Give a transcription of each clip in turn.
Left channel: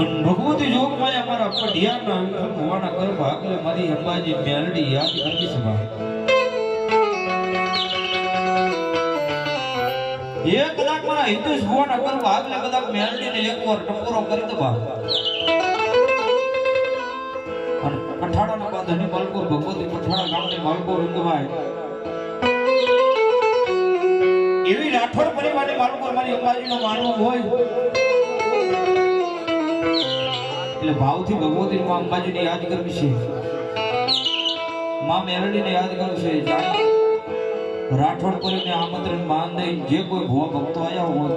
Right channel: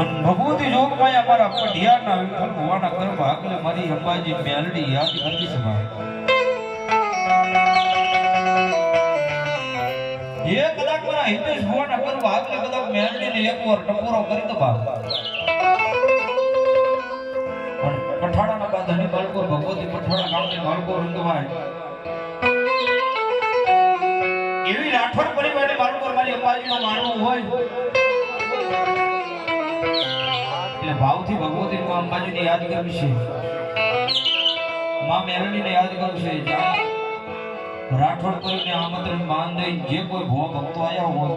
ભગવતી જોગ માયા મારા પઢિયાના વિઠ્ઠલ ભુવાના કર ભાગલે મારી અંબાજી મેલડી યાદ કરવી છે બા એ કદાચ મારા હિતેશ ભુવાના કર ભાગલે કદાચ મેલડી ને એકવાર ટપોરો કરી દો બા પઠાડાના બાદ હની માલકોર ભગવતી પઠાડા ગામની માલકોર રંગવાય એવી રાઠોડ પરિવારની માલકોર મારી અંબાજીનો માનવો હોય એટલે ભાવથી ભગવતી માં અંબાજીને યાદ કરવી છે માં મેલડીને યાદ કરવું છે જ્યાં રાઠોડ કરીને આમંત્રણ માન દઈ જે કોઈ ભુવા ભક્તો આવ્યા હોય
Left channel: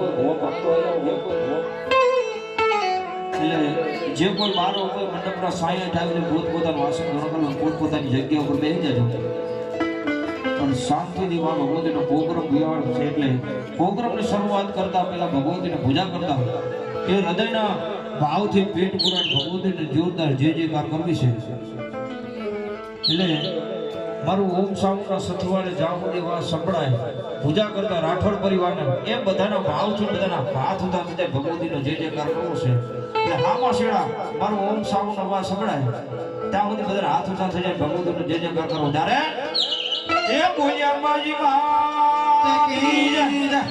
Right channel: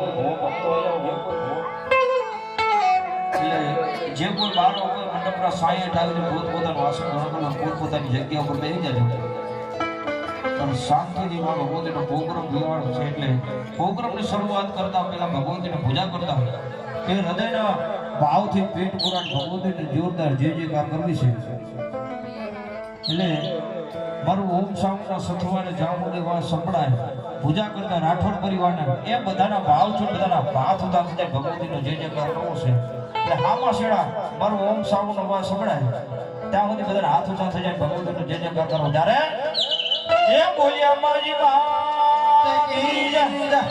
જે કોઈ બાર કોઈ મંડપના સાયા આવીને પોતપોતાનું આસન ગ્રહણ પોતપોતાની જગ્યા ઉપર બેસી જાય અને શાંતિથી માં ભગવતીનો પ્રોગ્રામ લેવાનો છે એટલે પ્રોગ્રામની શરૂઆત કરતા પહેલા ભગવતીને પૂજા કરતા એ હૃદયના ભાવથી પેટ પુરાણ ભગવતીને જોરદાર જે કાર કરવી છે એટલે મારું ઓમ સામના સથવારે જામુની વાત સંભળાય પૂજા કરતા રાઠોડ પરિવારને એ બધાના ભાવથી બધાના હાથ ઉતા થઈ જાય ભગવતીનો જે કાર કરવો છે એટલે હામાં શેડા મારું ઓમ સામનો અવાજ સંભળાય ત્યાં સુધી બધાના હાથ ઉતા થઈ જાય ભગવતીનો જે કાર કરવો ત્યારે એ બોલ્યા અંબાજી માત કી જય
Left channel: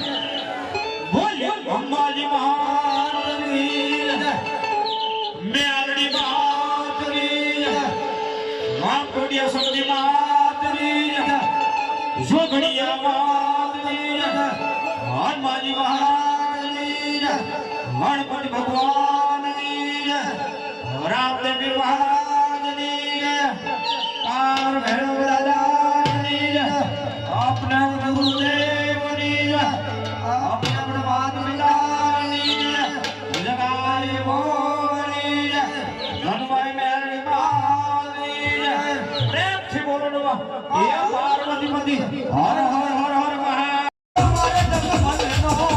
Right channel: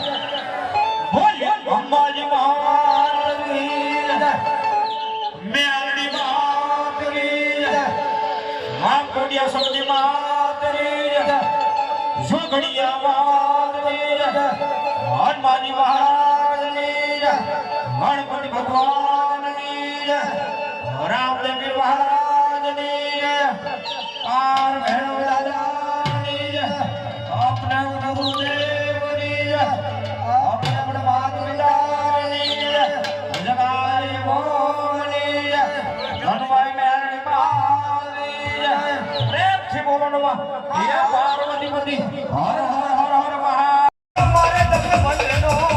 બોલ્યા અંબાજી માત કી જય મેલડી માત કી જય માં કોડિયા સમજી માત કી જય જોગણિયા માત કી જય હનુમાનજી મહારાજ કી જય ગણપતિ ભગવાન કી જય રામદેવ મહારાજ કી જય પાર ભૈરવ દાદા अपने गुरुदेव नीज अपने प्रभात विदाय जगाई मोनीज धनवाई मेरी मानीज प्रेम से बोलो नवा ये पार्वती पति हर हर हर हर महा हमारे दर्शन भजनो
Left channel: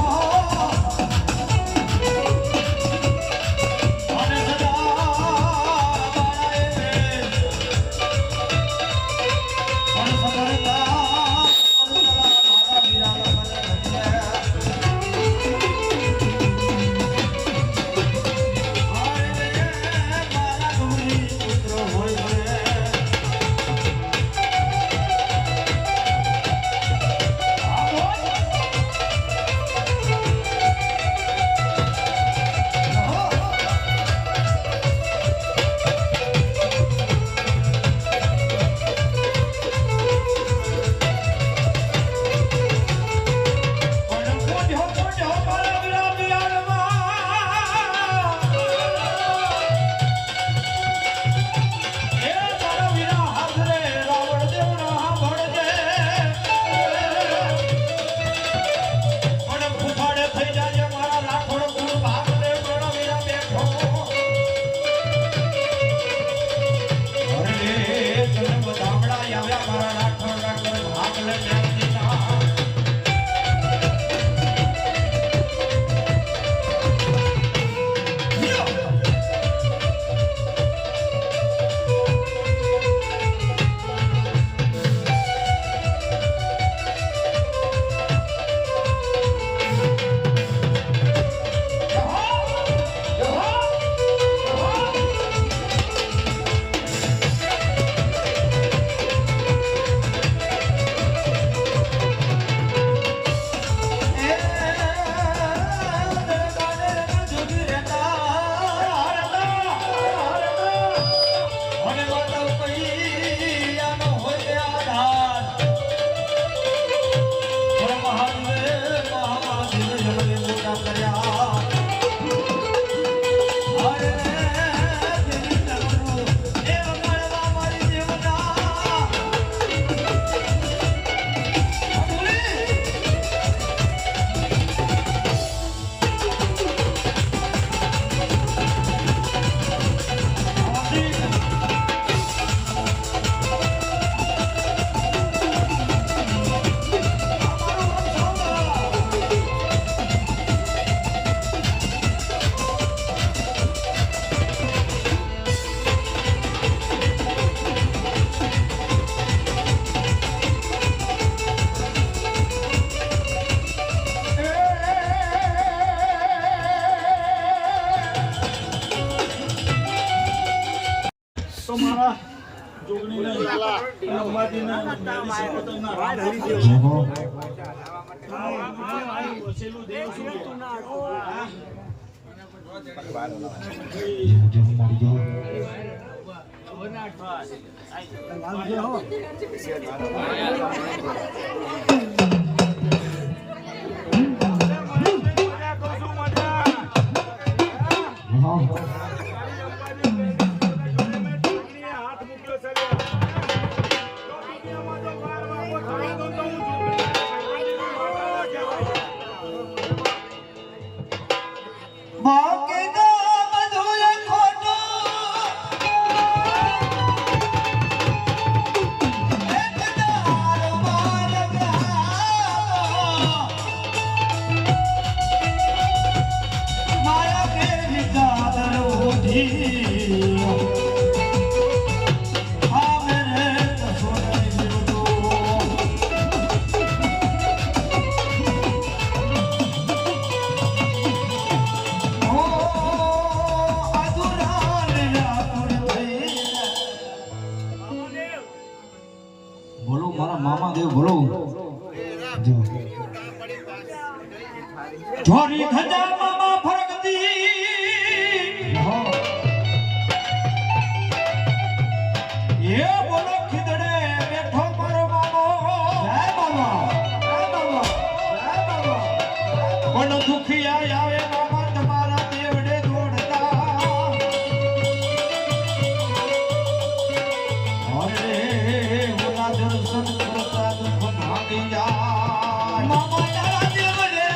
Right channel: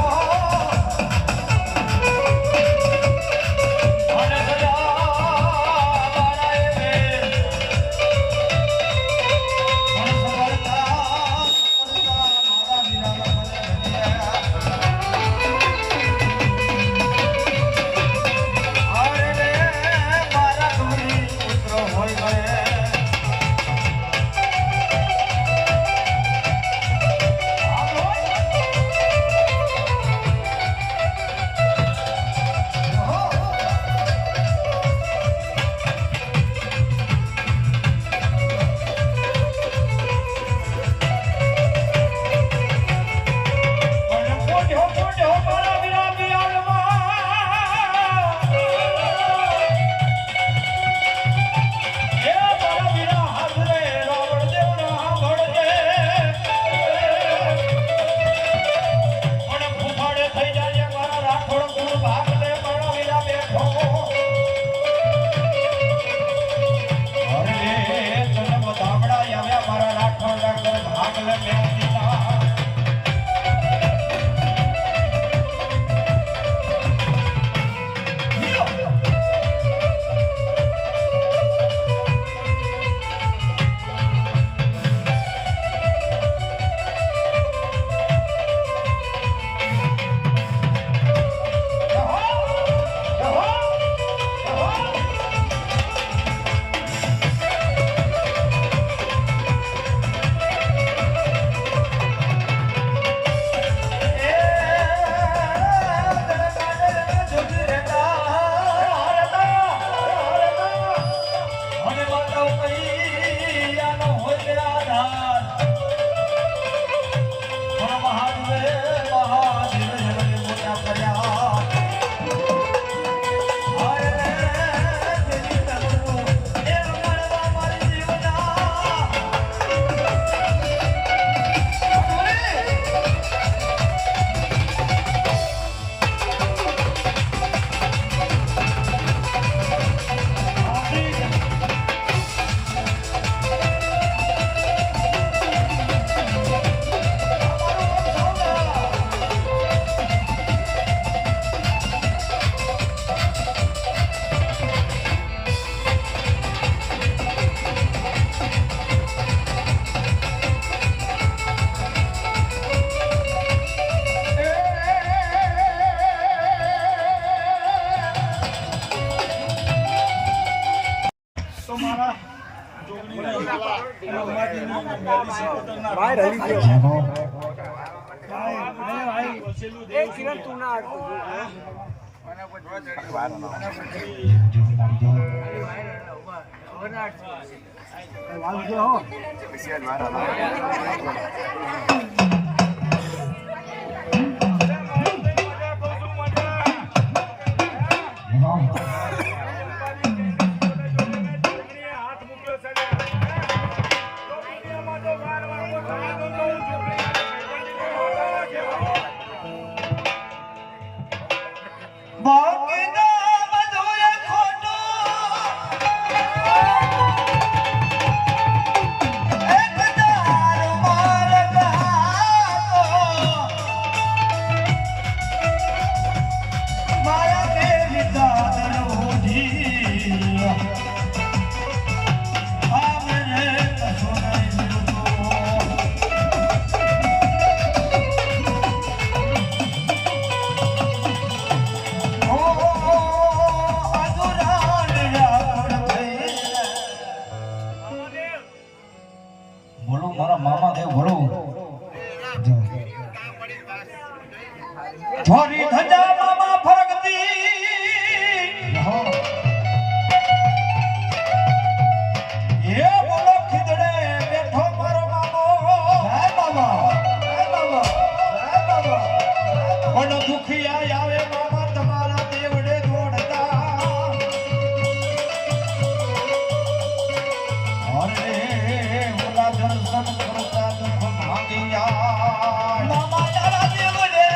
મારા જોગણીને અંબાજીને મેળી સિકોતરના રામ વસેલું દેવ છું छोरी खजा मामा फरकती ये बोलो खिदड़े बैठो मारो मामो जय बाबा जय बाबा जय बाबा बड़ो दुखी आवे मामा तुम्हारा देवड़े दौड़ता अरे बोला दर्शन करता दुख भागी जाए मामा तारा देवड़े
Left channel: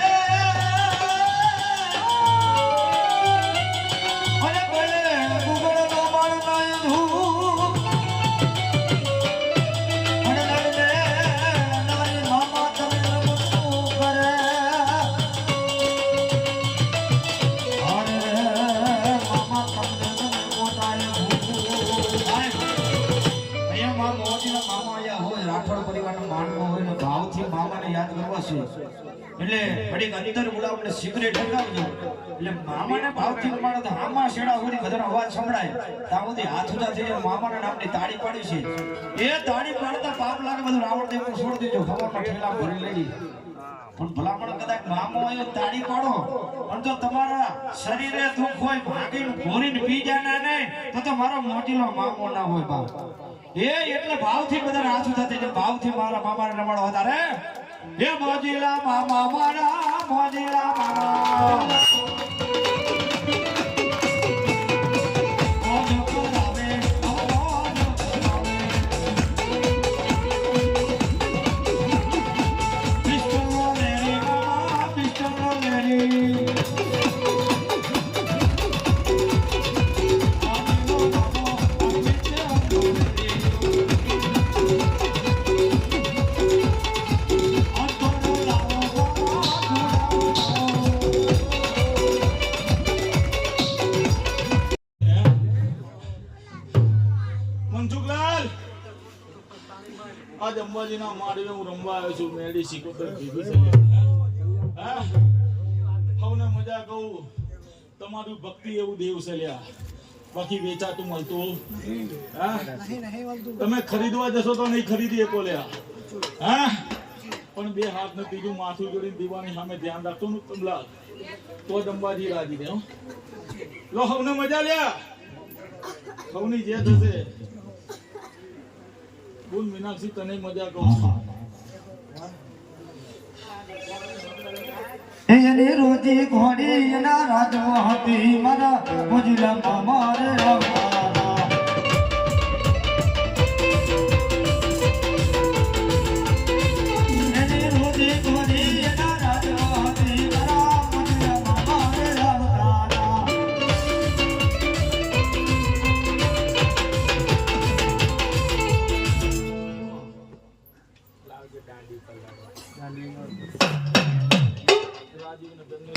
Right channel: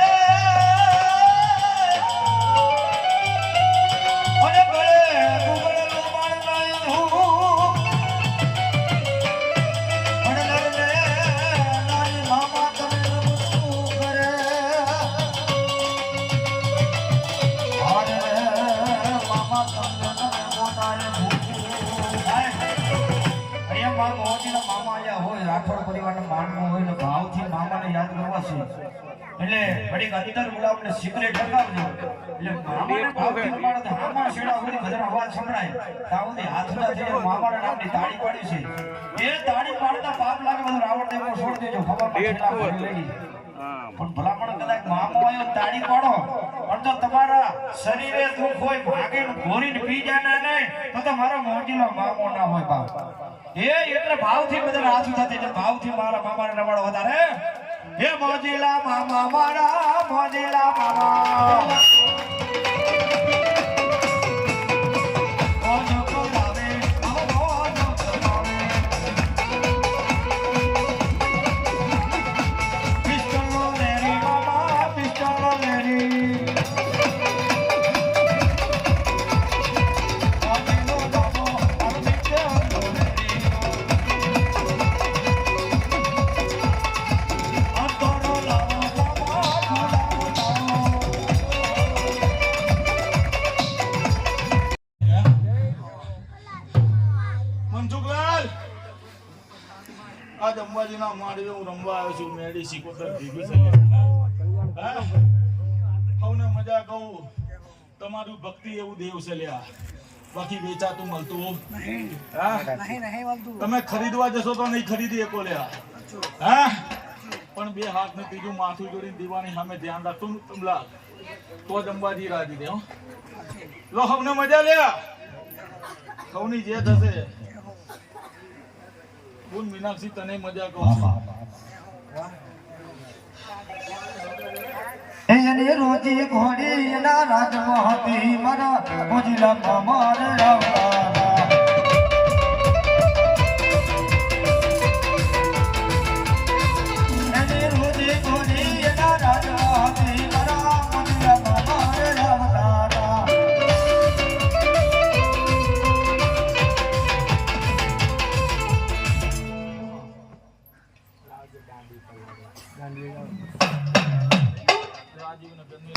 એટલે ઘડીક અંદર બોલાવને સિગરેટ લગાવજો એટલે મામાને ભાવથી ઉમાડો તો આમાં શેડા સુધી બધાનો અવાજ સંભળાય ત્યાં સુધી હાથ ઉદા થઈ જાય મામાના નામની તાળી પાડી છે એ તાળી પાડતા પાપ લાગે બધું રાવણ દેવને છોડી દેજો ખબર ઠેલા ભરી લઈ પણ ભલામણ કદાચ મામો આવ્યો તાળી પાડો પણ તો તમારા શરીરે દુઃખ હોય ભાગીને ઘોરીને પી જાય નહીં તો મારો મોજીલો મામો ના હોય બાપ એ એટલે ભાવથી બધા હાથ ઉદા થઈ જાય ભાવથી મારા મામાને રમાડો વધારે हे मोजिला मामा मारा मोजिला मामा आज अंबाजीना माडवे हूँ रमवा आव्यो छुं मेडी सिकोतर भीगी छे હા હવને મજા કહું તમારું ભક્તિ એવું દેવ છે લ્યા બાકી વેચાતું મળતું નહીં હા નહીં મળતું તમે ખરીદવા જશો તો નહીં ખરીદી શકો લ્યા હા પણ બે હાથ ને ત્રીજું માથું જોડીને દીવાની સામે ધ્યાન રાખતો ને તમલા તો જ અંબાજી રાજી દે લો હવને મજા લ્યા સૌની જે થશે બોલ મીનાક્ષી તને મજા કહું એને રોજી ઘોડી ના રાજમાં હતી મારા મોજીલા મામા રે આવતા એને રોજી ઘોડી ના રાજમાં હતી મારા મોજીલા મામા રે આવતા રાજીવ નગર ની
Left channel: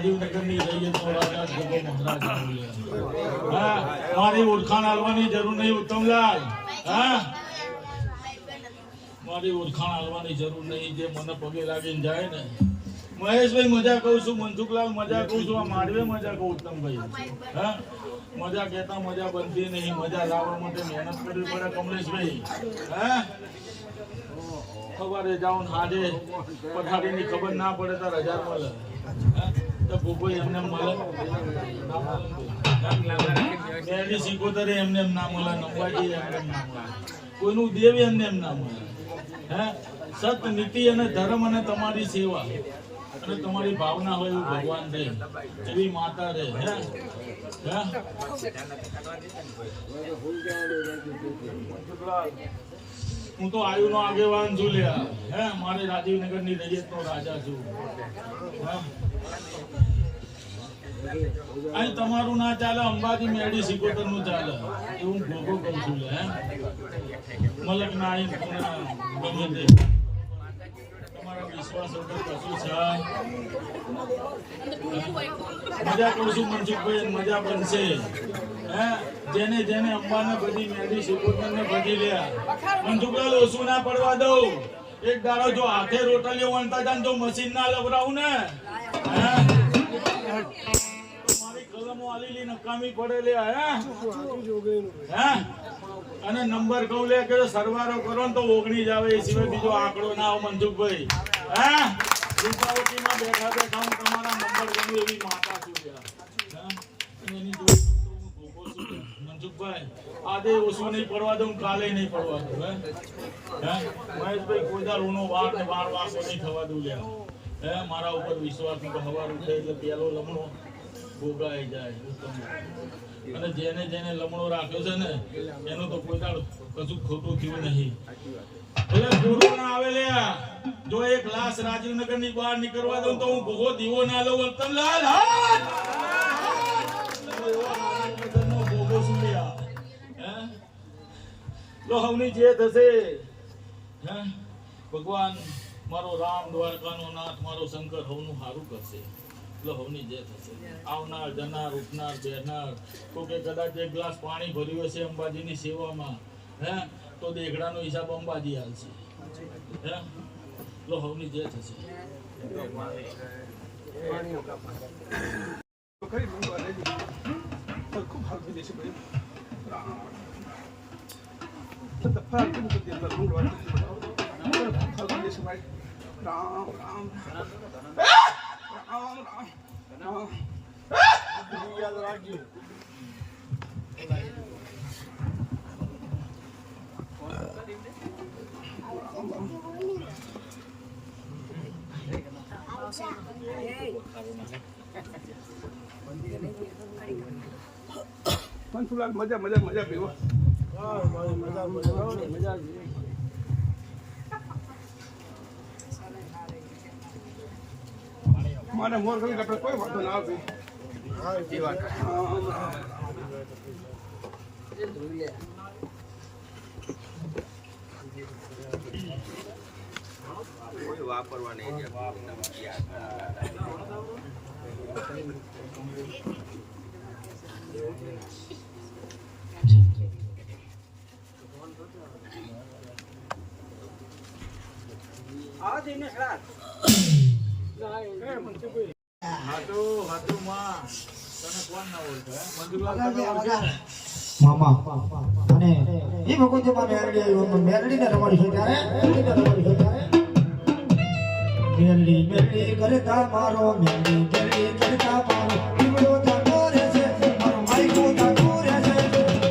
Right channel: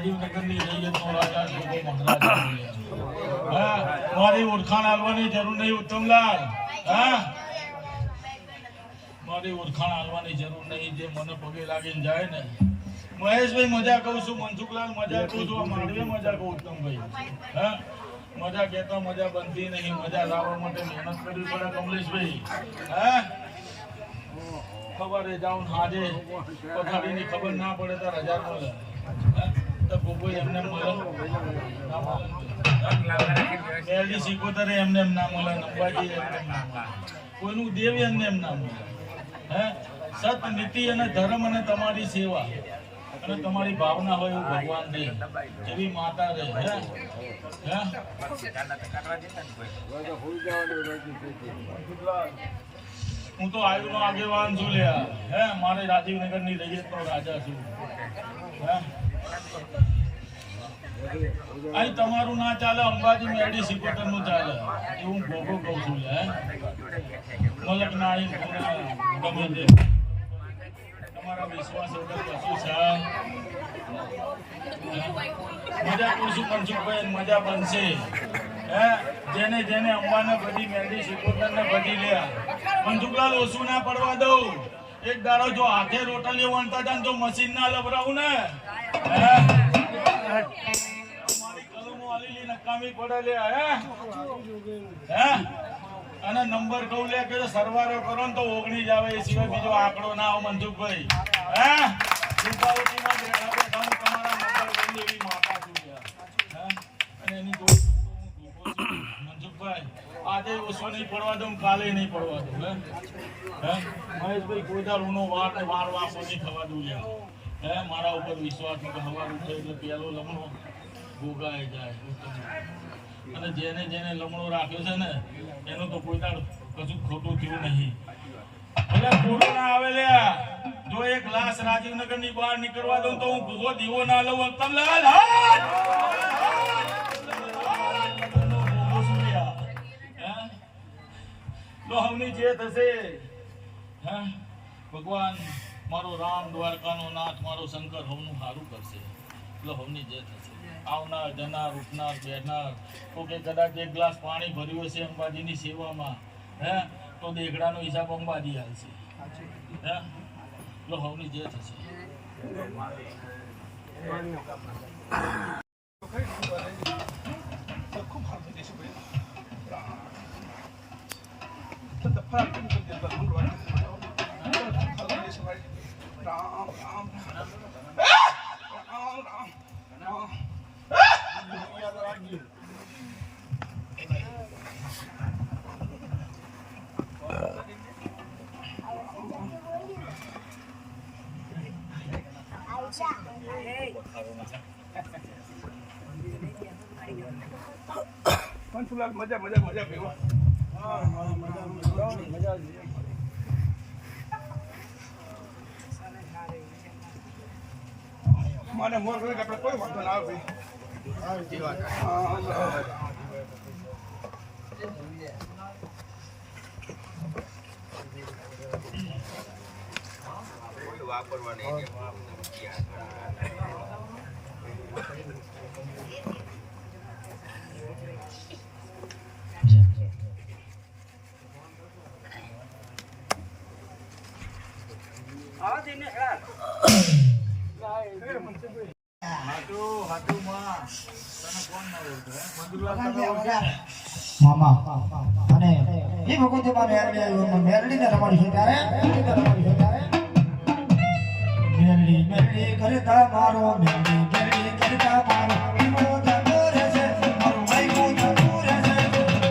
રાજીવનગરની રૈયતનો રાજા ભોગો મહારાજ હા મારી ઓળખાણ આલવાની જરૂર નહીં ઉત્તમલાલ હા મારી ઓળખાણ આલવાની જરૂર નહીં જે મને પગે લાગીને જાય ને મહેશભાઈ મજા કહું છું મનસુખલાલ મજા કહું છું આ માંડવે મજા કહું ઉત્તમભાઈ હા મજા કહેતા મજા બનતી નહીં મજા લાવવા માટે મહેનત કરવી પડે કમલેશભાઈ હા સવારે જાઉં હાજે પથારીની ખબર ના પડે તો 1000 મળે તો કોઈ એમને મળે પહેલી સિકોતરે એમને ના મળે નંબાજી એમને ના મળે કોઈનું દેવ એમને ના મળે હે સત નીતિ અને ધર્મ અને તમારી સેવા અને તમારી ભાવના હોય એવું ભગવાન દે એવી માતા રહે હે હું તો આયુનો આગેવાન છું લ્યા હે મારે રાજીવનગરની રૈયતનો રાજા છું અહીં તમારું ના ચાલે અંબાજી મેડી સિકોતર નું ચાલે એવું ભોગો કહું છું લ્યા મલક ના આઈ ગમે તે તમારા વિશ્વાસ વગર કશું છે મજા કહું છું મનસુખભાઈ મજા બનશે હે જેને જેને અંબાને બધી મેડી સિકોતર ને બધી લ્યા મનસુખલાલ ઓછું ના પડવા દઉં એક દાડો જો હાથે રોટલીઓ વણતા હતા જો મશીન ના લવરાવું ને મારી કલમો આલીલી નકામી પડે લે હે અને નંબર કહું લે કે સરવારો કરો ને તો 19 જ આવે એ સિવાય બીજો આંકડો ના આવે મનસુખભાઈ હે રૂપાવતીમાં બેઠા બેઠા હું તમારા નંબર ગણું એવી માતા છું અને એની જોઈ મનસુખભાઈ આજે ઓછું નહીં પડવા દઉં કાલે નહીં પડવા દઉં મહેશભાઈ કોઈ દાર ઊનો વાર ને વાર વાસો નહીં થવા દઉં લ્યા હે મારા ઉપર વિશ્વાસ કે હવાર ઉઠે એટલે પેલો લમણો ભોગાઈ જાય અને જેને જેને લમણો રાખ્યો છે ને એનું તો કોઈ દાડ કશું ખોટું થયું નહીં એટલે પૂરું ના આવે લ્યા જો એક લાશ રાજીવનગરની બહાર નીકળવા દઉં તો હું ભોગો દીવો ના લઉં ઉત્તમલાલ હવની જે થશે હે ભગવાન મારો રામ દ્વારકાનો નાથ મારો શંકર હવનું સારું કરશે એટલે હવની જે થશે આવનાર જનાર ઉઠનાર બેહનાર તો કે કદાચ એક ગ્લાસ પાણી ભર્યું હશે અંબાજીની સેવામાં હે તો દેખડાનો હિસાબ અંબાજી હાલશે હે એટલે હવની જે થશે ખૂબ હાલ થઈ જશે ભાઈ રામ રામ રામ રામ યાદ રાખજો મનસુખલાલ મજા મજા મજા પીવો મજા મને મોર કરી આપણે કોઈ વાંધો ના આવે કોઈ વાપરવા નહીં મામા અને એ ભગવતી માં મેરડી આવ્યો મેરડી ને તમારી છે ત્યારે મેરડી મેરડી કરતા મારો મેરડી મેરડી કરતા મારો ઈમડો થતો રહે છે મારો માઈકો થતો રહે છે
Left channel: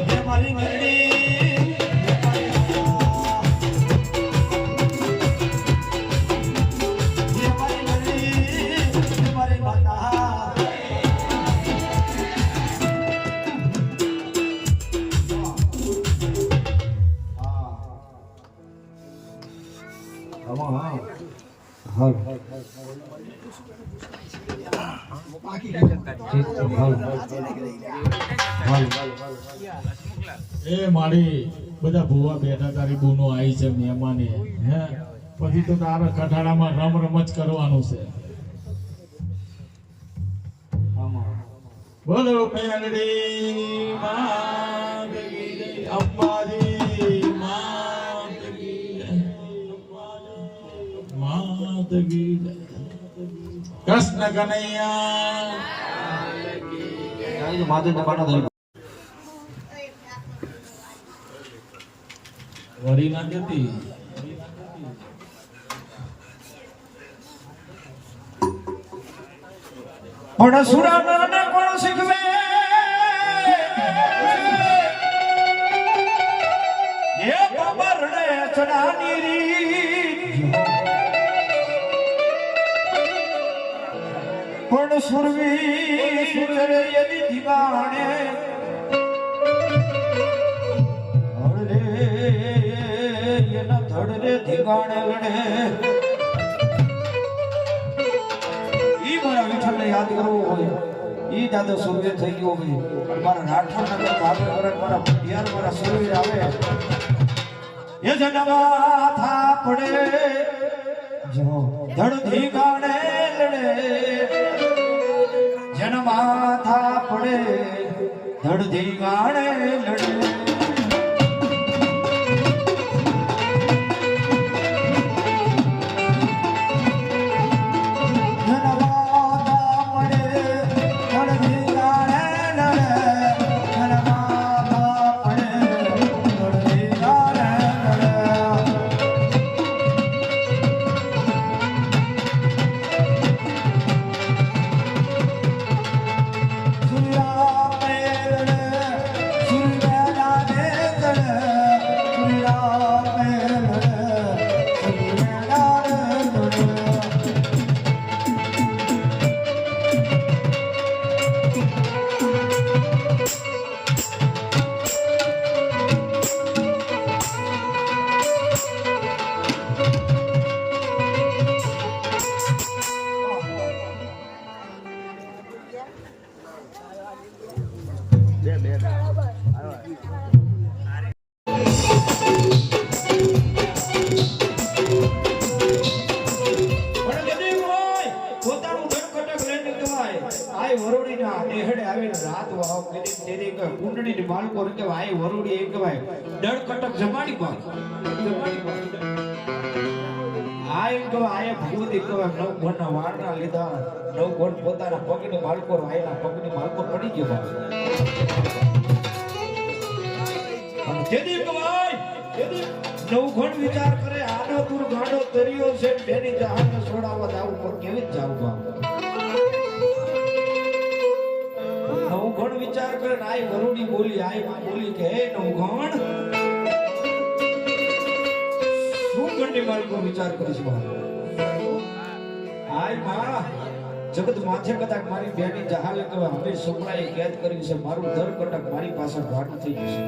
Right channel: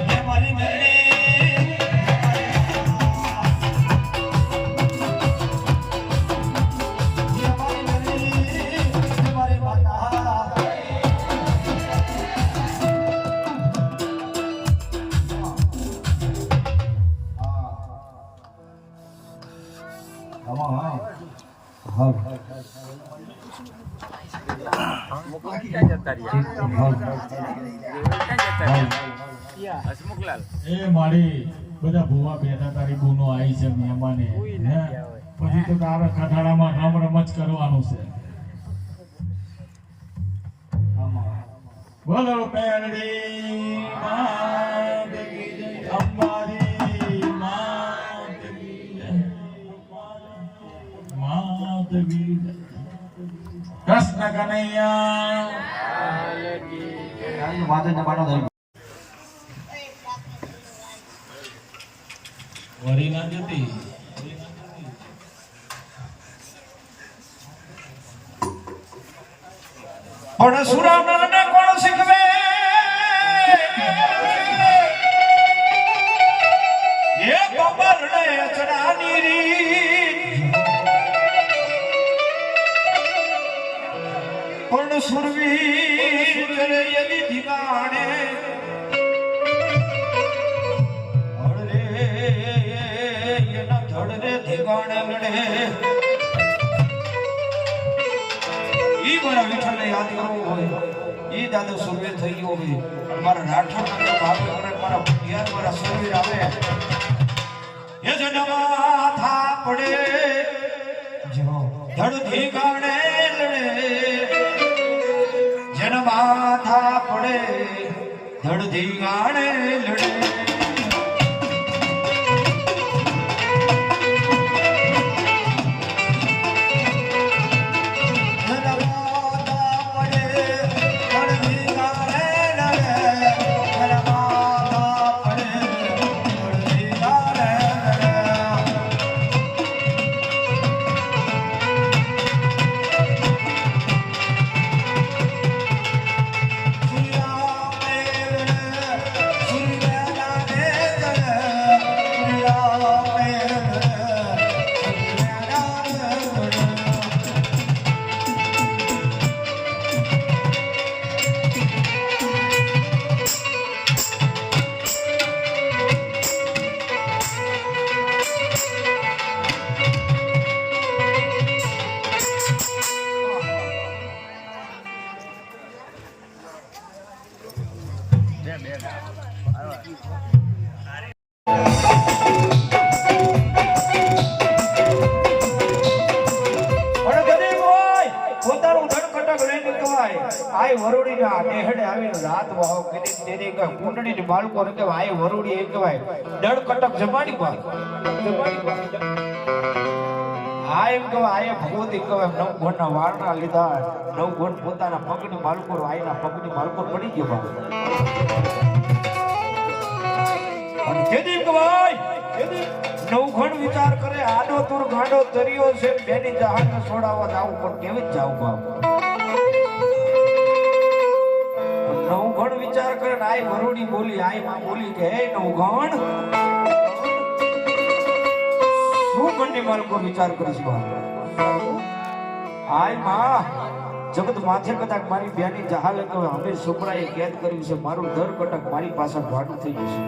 હે મારી મેરડી એ મારી બધા ભૂવા બેઠા તારી બૂનો આવી છે મહેમાને હે પછી તો તારા કઠાડામાં રમ રમ જ કરવાનું છે બોલો પેરડી માત કી જય, અંબાજી માત કી જય, માત કી જય, કૃષ્ણ કનૈયા માધવ બાનો ધર્મ વરી ના ગતિ પણ સુરાનરને કોણ શીખવે એ બાબરને અચડાની રીત પણ સુરવી કરે એની દીવાણે હળરે એના ધડરે ધીવાણે લડે ઈ મારા વિઠ્ઠલને યાદ કરવો હોય ઈ દાદો સુરવીર થઈ ગયો હોય મારા રાઠોડ નગર ભાવે કરે મારા પટિયાર મારા સુરવીર આવે એ જનવા થા પડે જો ધડ ધીગાણે લડે જનવા થા પડે ધડ ધીગાણે લડે કુંડળી બાળકો કે આય વરુડી એક કહેવાય દળ કટક જમાડી પર આ એમ કહેવાય આય ભગવતી કહેવાય નવ ગોળના વાળના લીધા નવ ગોળ પોતાના પગની માલકો આયના પગની માલકો પડી ગયો અને કેદી કહેવાય કેદી નવ ગણ વિચાર કરે આડો તુર ગાડો તરિયો છે બેની જહાજને છોડાવવા જાવું પણ કેવી જ જાવું બાપ નવઘણ વિચાર કરે ને આય વરુડી બોલી આય માં બોલી કે હે નવઘણ શું ગણની માલકો વિચાર કરીશ આય માં જગત માથે કદાચ મારી બેની જહાલે કે અમે સુપડાએ કેદ કર્યું છે મારું દર કટક મારી પાછળ વાડું થઈ જશે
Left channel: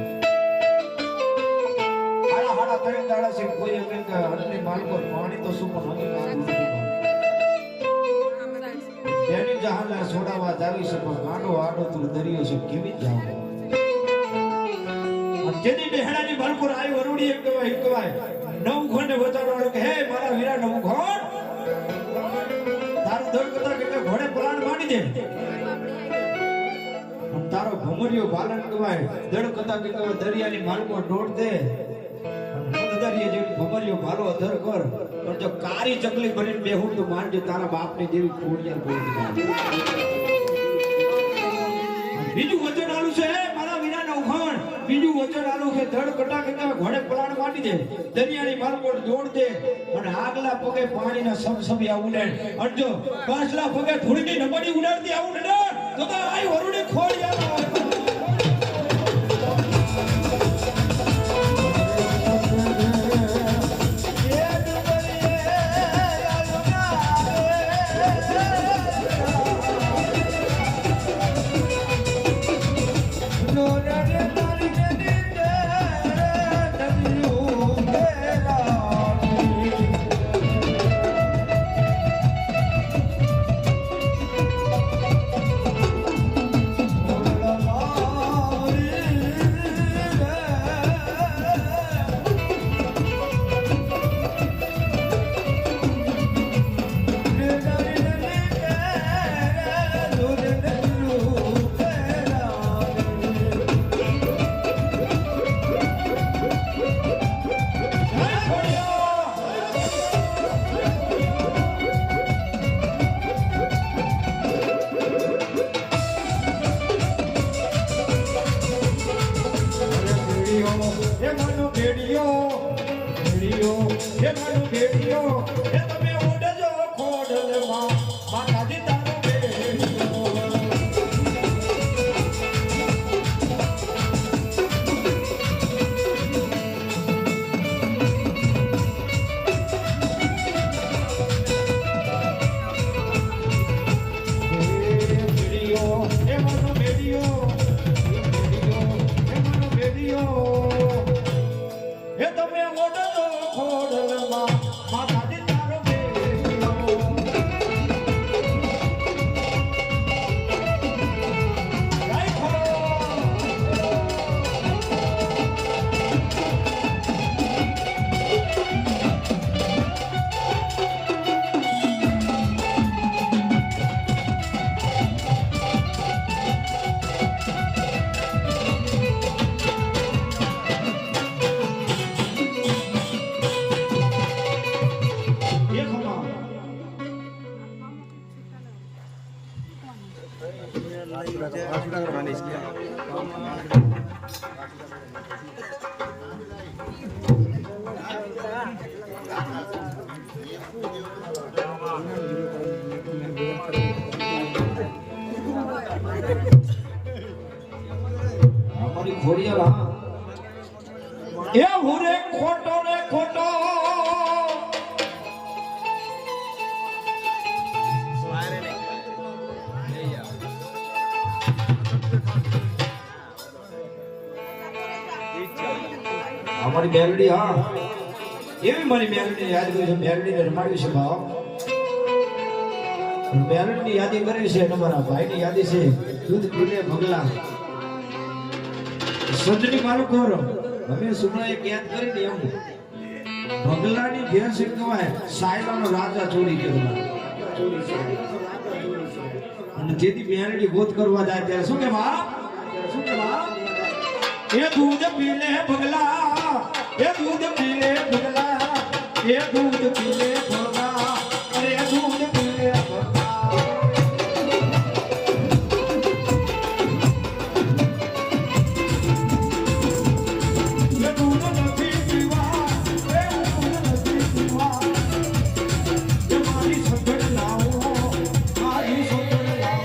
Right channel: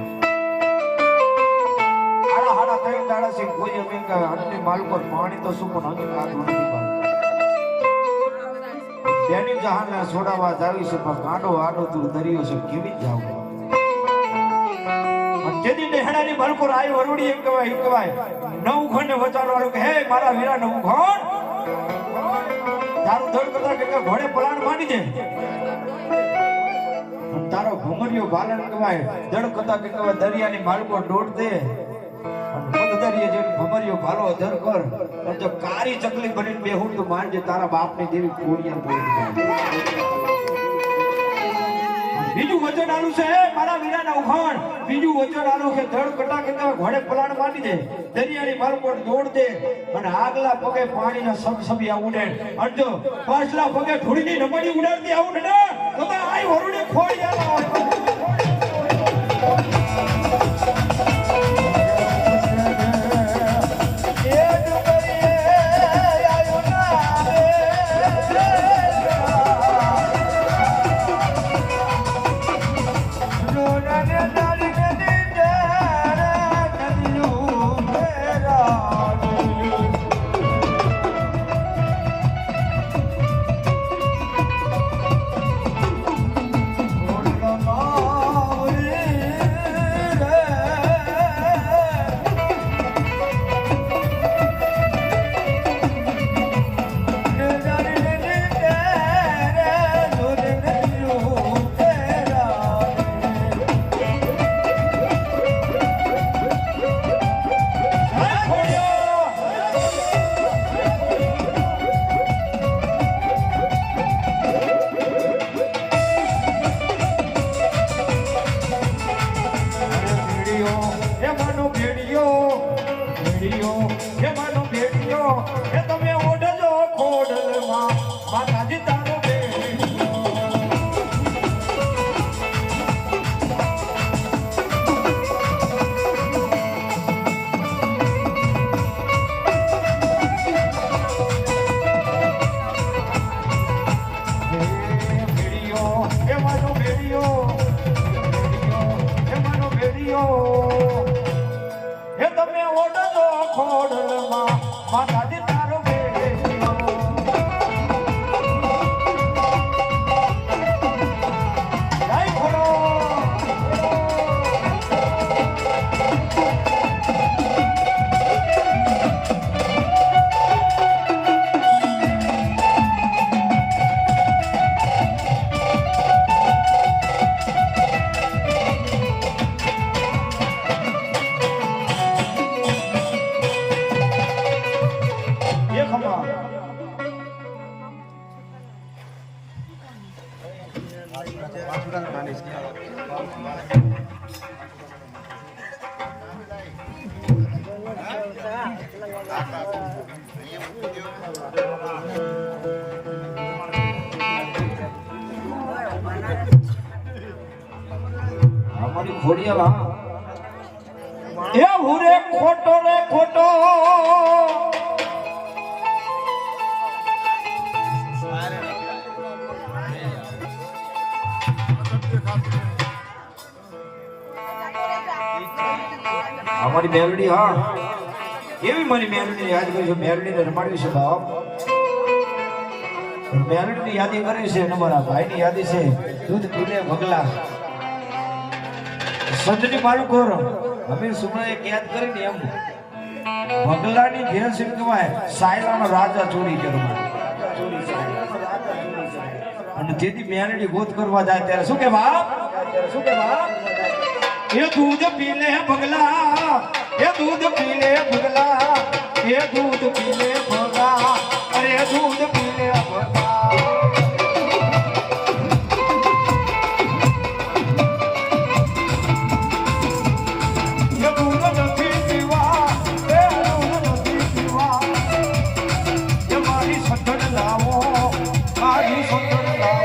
હાડા હાડા ત્રણ દાડા છે કોઈ અમે કે અન્નની માલકો પાણી તો શું પણ અંગે કાઢું નથી બેની જહાને છોડાવવા જાવી છે પણ ગાડો આડો તું દરિયો છે કેવી જ જાવ જેદી ડેહડાની બલપુર આઈ વરુડી એમ કહેવાય નવ ઘંટે વચાડો વાળો કે હે મારા વીરા નવ ઘણ તારું ધડ કરતા કે ઘોડે પલાણ માંડી દે તારો ભમરિયો બાલન કહેવાય ધડ કરતા કે દરિયાની માલકો દોડ દે દરિયા જેવી ભમરિયો ભાલો ધર કર પણ જો કારી ચકલી બનીને બેહું તો માનજે તારા બાપની દેવી કોડિયા બોલી બીજું વચન આલું છે મારા વીરાના ઉખાણ બીજું વચન આલું કે ધડ કટા કે ઘોડે પલાણ માંડી દે દરિયાની માલકોટ દોડ દે અને આગલા પગે પાણીના સબસબી ઉડે અને જો પાછલા પગે ધૂળની નમડી ઉડાડતી આવું ને તો આઈ વરુડી ખોડિયા હોય Lama એ તમે ઓઢજો ખોડલમાં માતાજી તારો બેડો એ તમે ઓઢજો ખોડલમાં માતાજી તારો બેડો જય ખોડો એ ખમા અમારી ખોડિયાલ હા એ હુરે ખોટો રે ખોટો અમારી મેલડી હા એવી મારી મેલડી યાદ કરી છે મેલડી રમાડવી છે બાપ મેલડી ની યાદી કરી છે અને મારા ભાઈ ની યાદી છે દૂધ પીલે ભગલા સંજની મારું કોર અમે સુમણા એક યાદ કરીને એમ ભગલાની ઘેર સિંકવાય સાયલાનો રાજા ચોરી કરવા અને જેથી મેલડી ગોત કરવા જાય ત્યારે શું કે બાપ એ દૂધ પીલે ભગલા એ દૂધ પીલે ભગલા એ દૂધ પીલે ભગલા અરે દૂધ પીલે ભગલા એ દૂધ નથી પીવા એ દૂધ નથી પીવા એ મારી સગડ લાવો મારી સગડ લાવો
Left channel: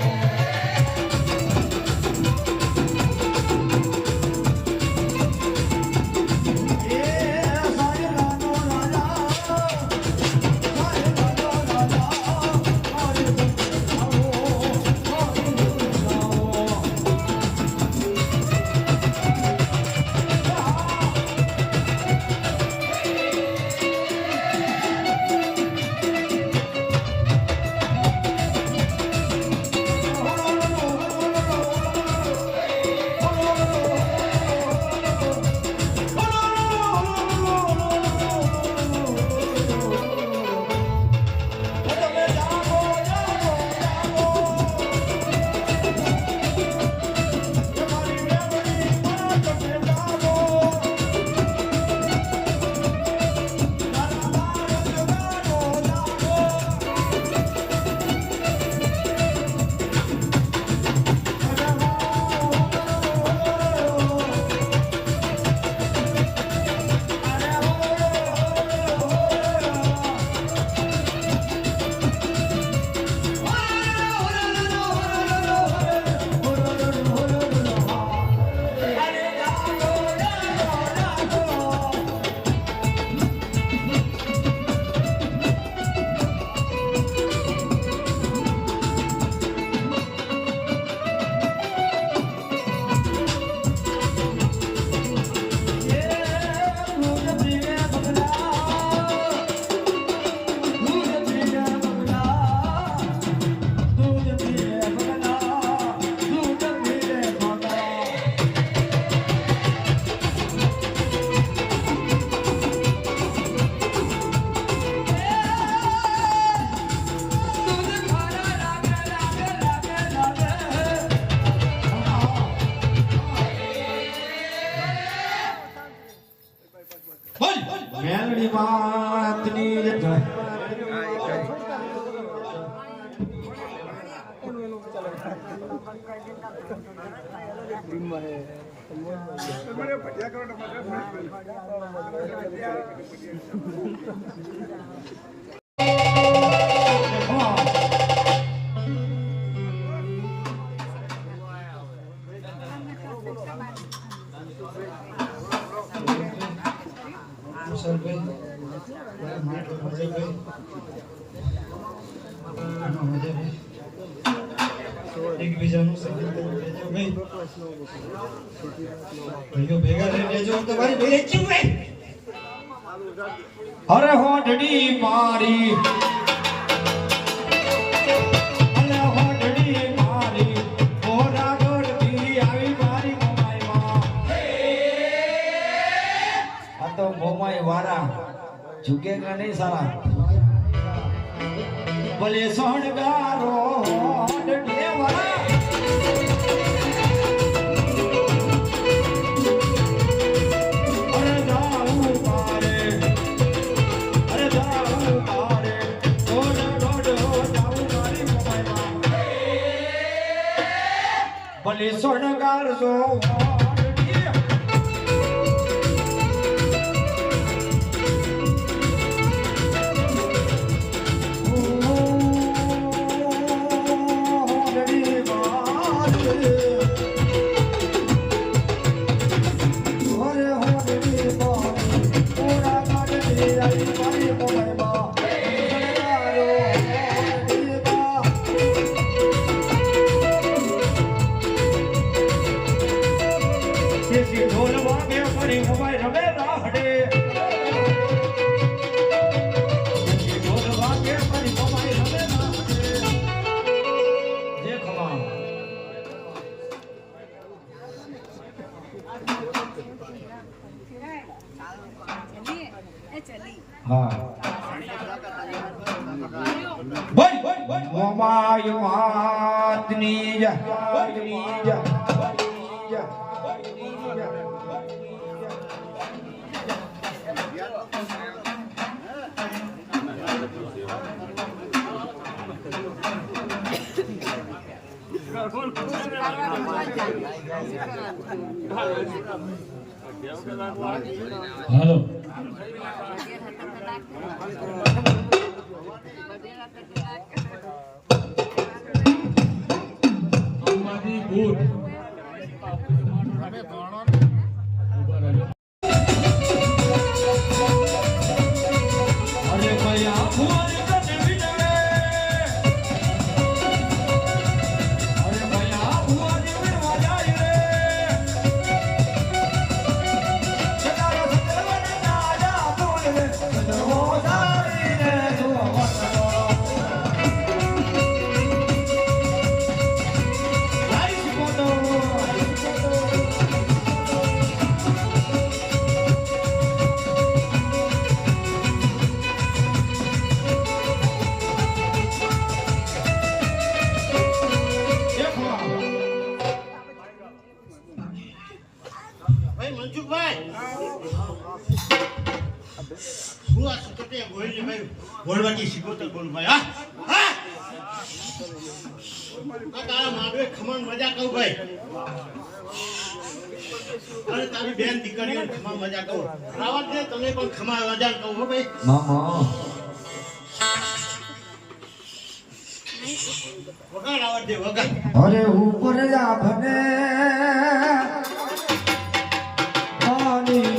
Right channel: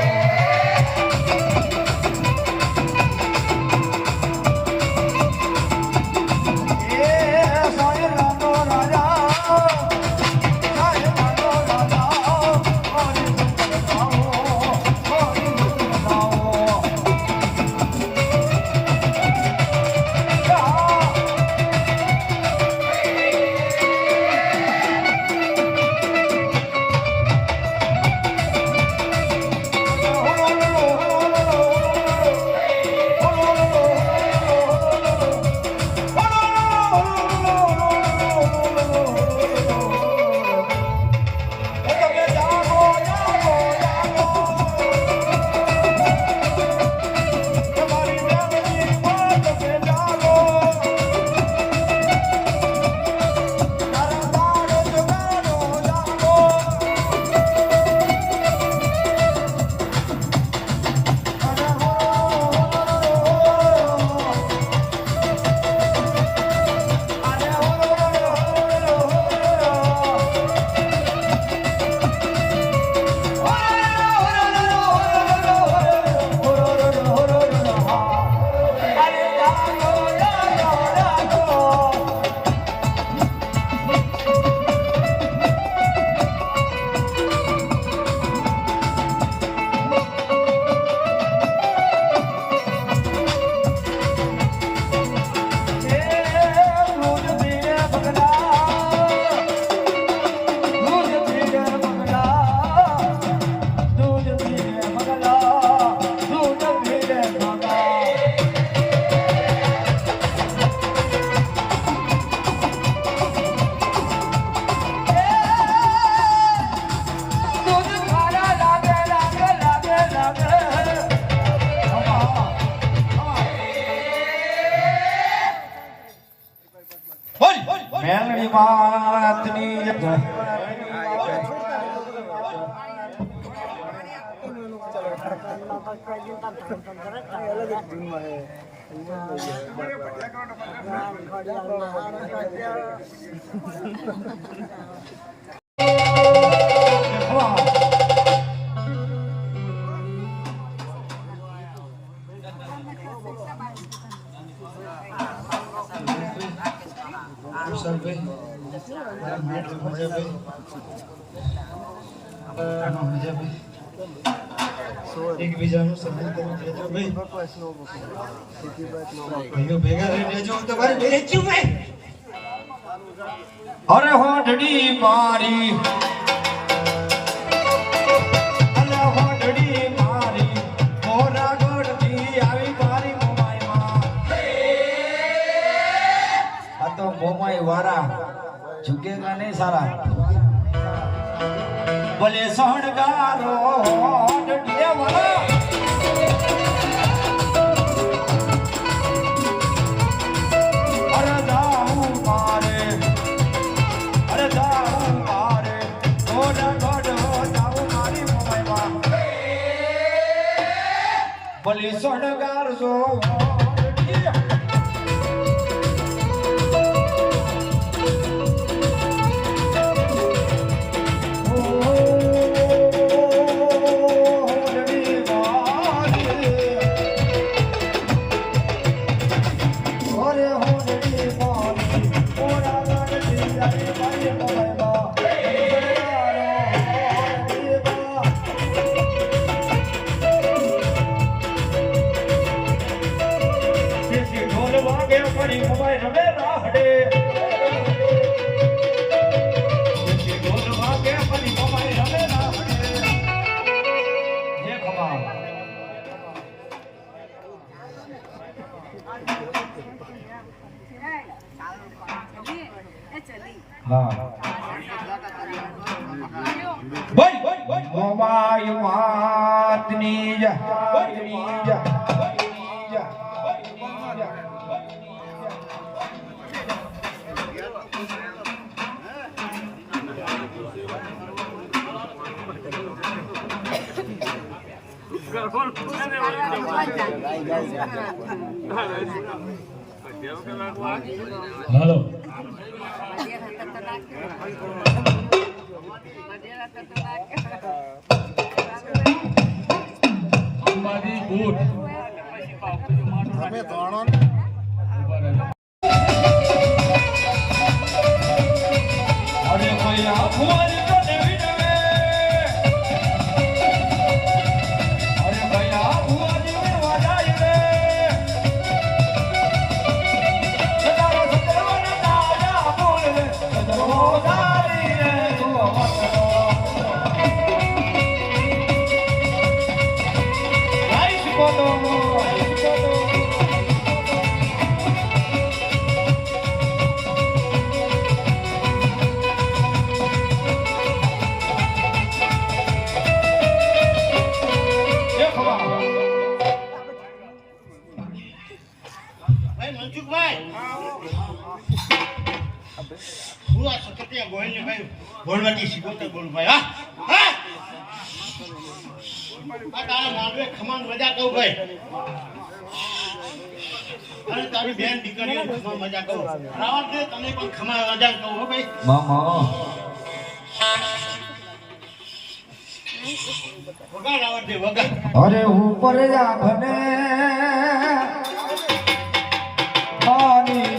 મેલડી માતની તમારે ભટિયા કરો તમારે એકબીજાનું સન્માન કરી દેજો ભાઈ. ભાઈઓ ભેગા રહી દેજો તમારી બેચું ભાઈ. અરે હોઠડી મારી અને હોઠડી મારી મોરા ગોળથી આવી મારી મોમાઈમાં. આ તો મોમાઈ વાળા ઝુકેગા નહીં સારા. ભલે સોણગારો હોઠડી વાળા ભલે સોનગાર સો ઢોલ વાગે પડી મોબાઈલ રમે રાહડે. ઢોલ વાગે પડી મોબાઈલ રમે રાહડે. હે ખમા હા મોબાઈલ વાતની જા હાલો અંબાજી ભૂત અરે કોઈ આફુઆની તને વિનવે. અરે કોઈ આફુઆની વિનવા જાય રે. સદારો સદરવન દાજા બોલ રે. સદરો સારી રે તું મતનો. રાઈશ બોલો ભાઈ મનસુખભાઈ હું આ સકતિયા ગોહિલને ભાઈ ગોળવાથી શીખવતા બોલું ભાઈ. હા હા આ તારા માંડવે ખમાન મજા કહું ભાઈ અને તારી બેન દીકરીઓ ખમા મજા કહું. રાવત દે તને પણ ખમા મજા કહું હો ભાઈ. મામા વગા રાવત દે વગા. અરે ઉપર જા ભને પાણી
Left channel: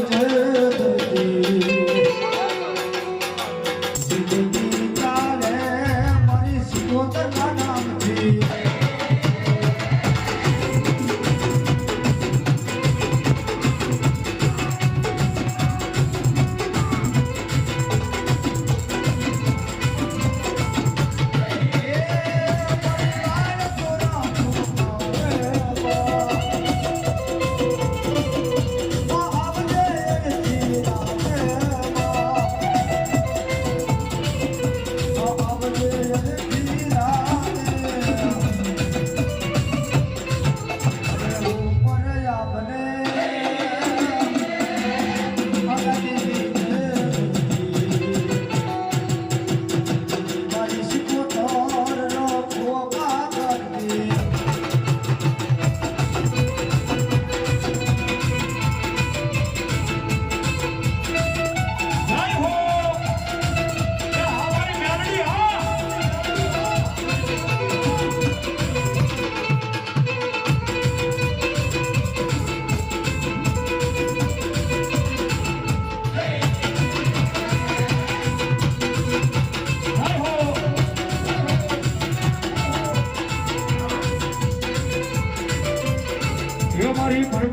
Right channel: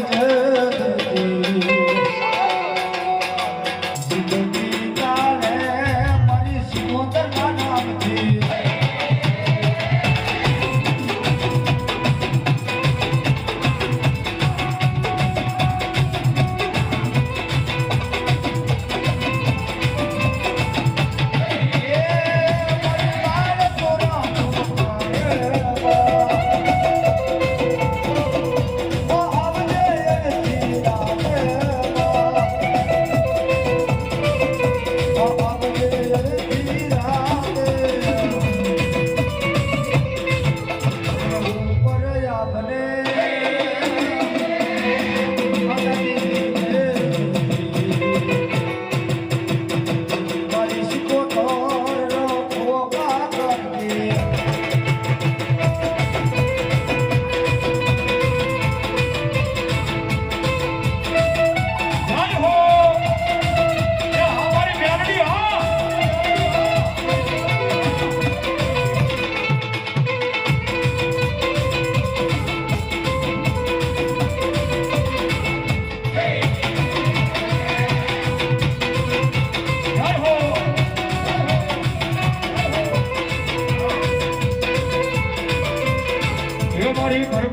જિંદગી ચાલે મારી સિકોતરના નામથી.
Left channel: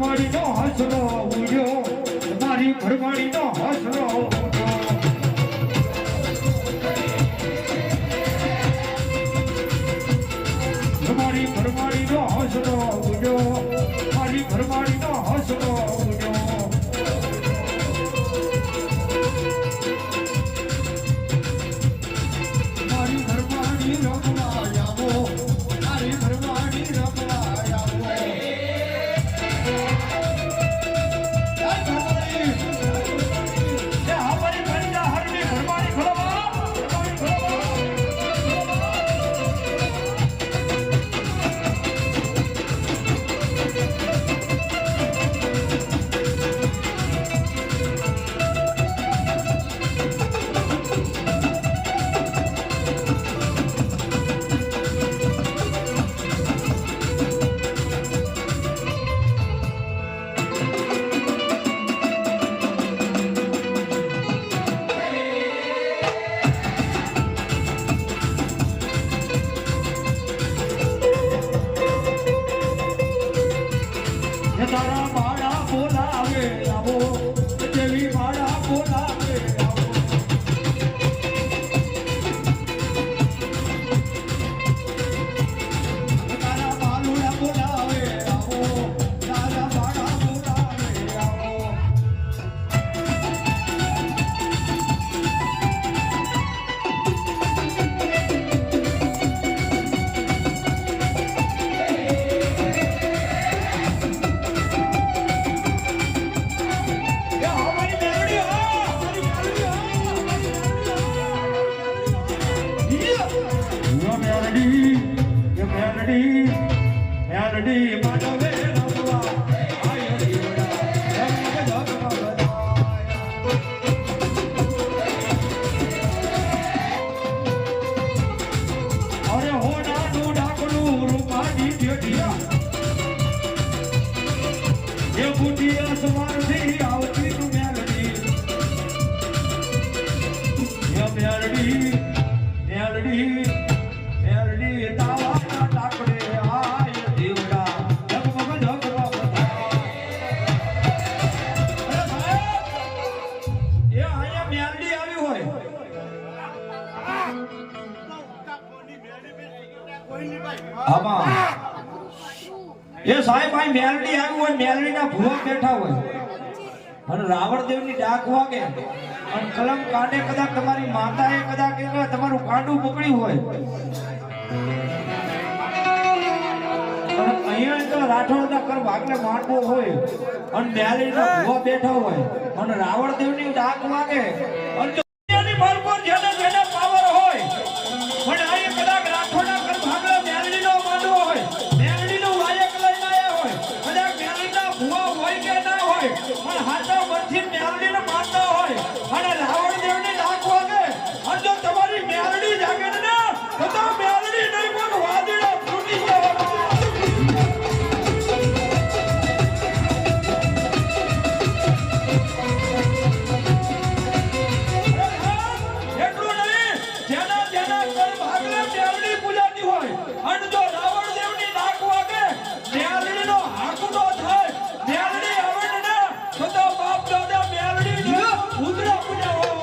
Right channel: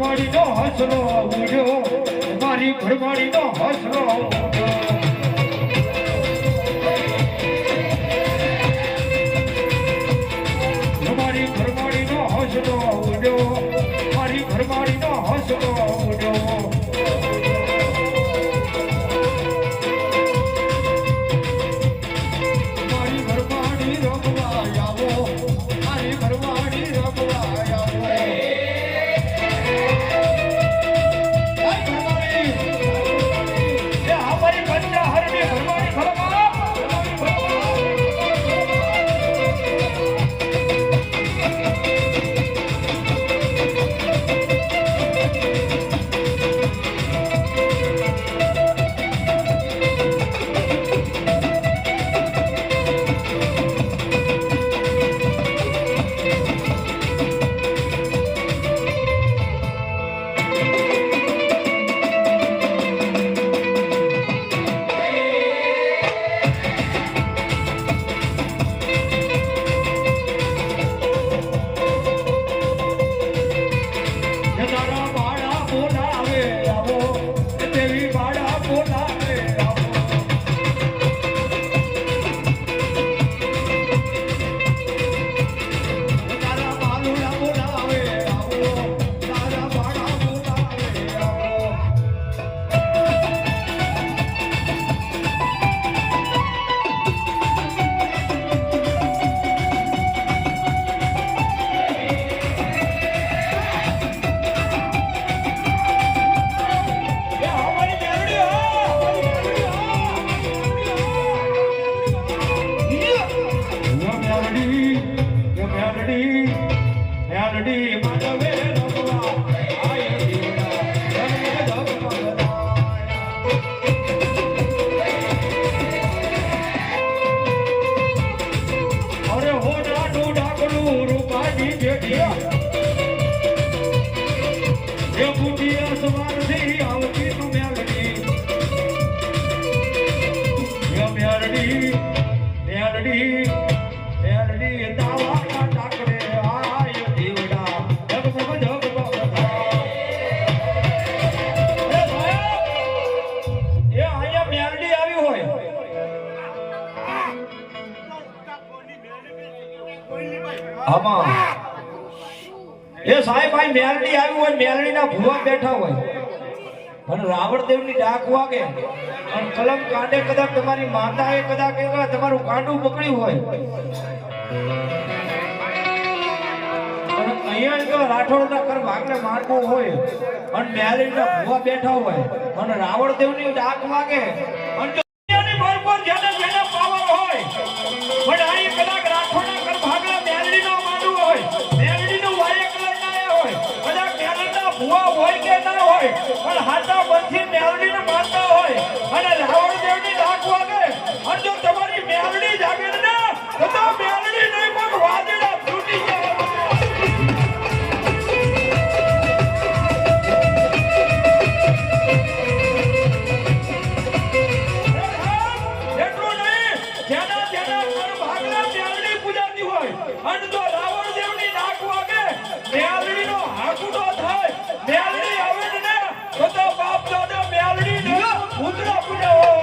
ઘરવાળીનો હસરો ઉડ્યો મારી ઘરવાળીનો હસરો ઉડ્યો મારી ઘરવાળીનો હસરો ઉડ્યો મારી ઘરવાળીનો હસરો ઉડ્યો મારી ઘરવાળી રમવા આવો મારી ઘરવાળી રમવા આવો તારા બાળા બોલાવે આવો દેવી બાળા બોલાવે આવો તારા બાલુડા બોલાવે આવો તારા બાળા બોલાવે આવો મેલડી માનવે રમવા આય જીવડા અરે હોડા ડાકનું રૂપાજી જેઠિયા એ બુટિયા સવારથી આવતી તું મેલડી મેલડી દાવાના ટાકડે આય જીવડા જગમગ જગમગ એ આયા મેલડી આવી હોય આમાં એ સાહેબ ભાઈ મેલડી આવી હોય મેલડીના ભુવા બેઠા હોય અને રાવણદેવની ડાક વાગે અને કલમ કાંડે કદાચ તમારી માતાએ કદાચ તમારું કાંડું પકડ્યું હોય અને અહીંયા રાઠોડના કર ભાગને મારવો હોય અને મેલડીના ભુવા બેઠા હોય અને રાવણદેવની ડાક વાગે અને દુનિયાની પર જેને જેને પાવર હોય પણ અહીંયા કદાચ રાઠોડના કર ભાગલા મેલડીનો માંડવો હોય મેલડીનું વાયક લઈને આવ્યા હોય કદાચ મેલડીના ભુવા હોય કે ના હોય પણ હાથા પરથી મેલડીને માનતા હોય અને રાવણદેવની ડાક વાગે અને જો તમારી મેલડી જાગે ને તો મેલડી નહીં પણ વાદળા તૂટી જવાના એટલું નહીં જેના જેના પર ભાગલે મેલડી પૂજાતી હોય અને જો રાવણદેવની ડાક વાગે મેલડીનો હાકુડો થાય મેલડી આવે ને તો બાપ દાદા મેલડી ને ઉતરા પૂજાવો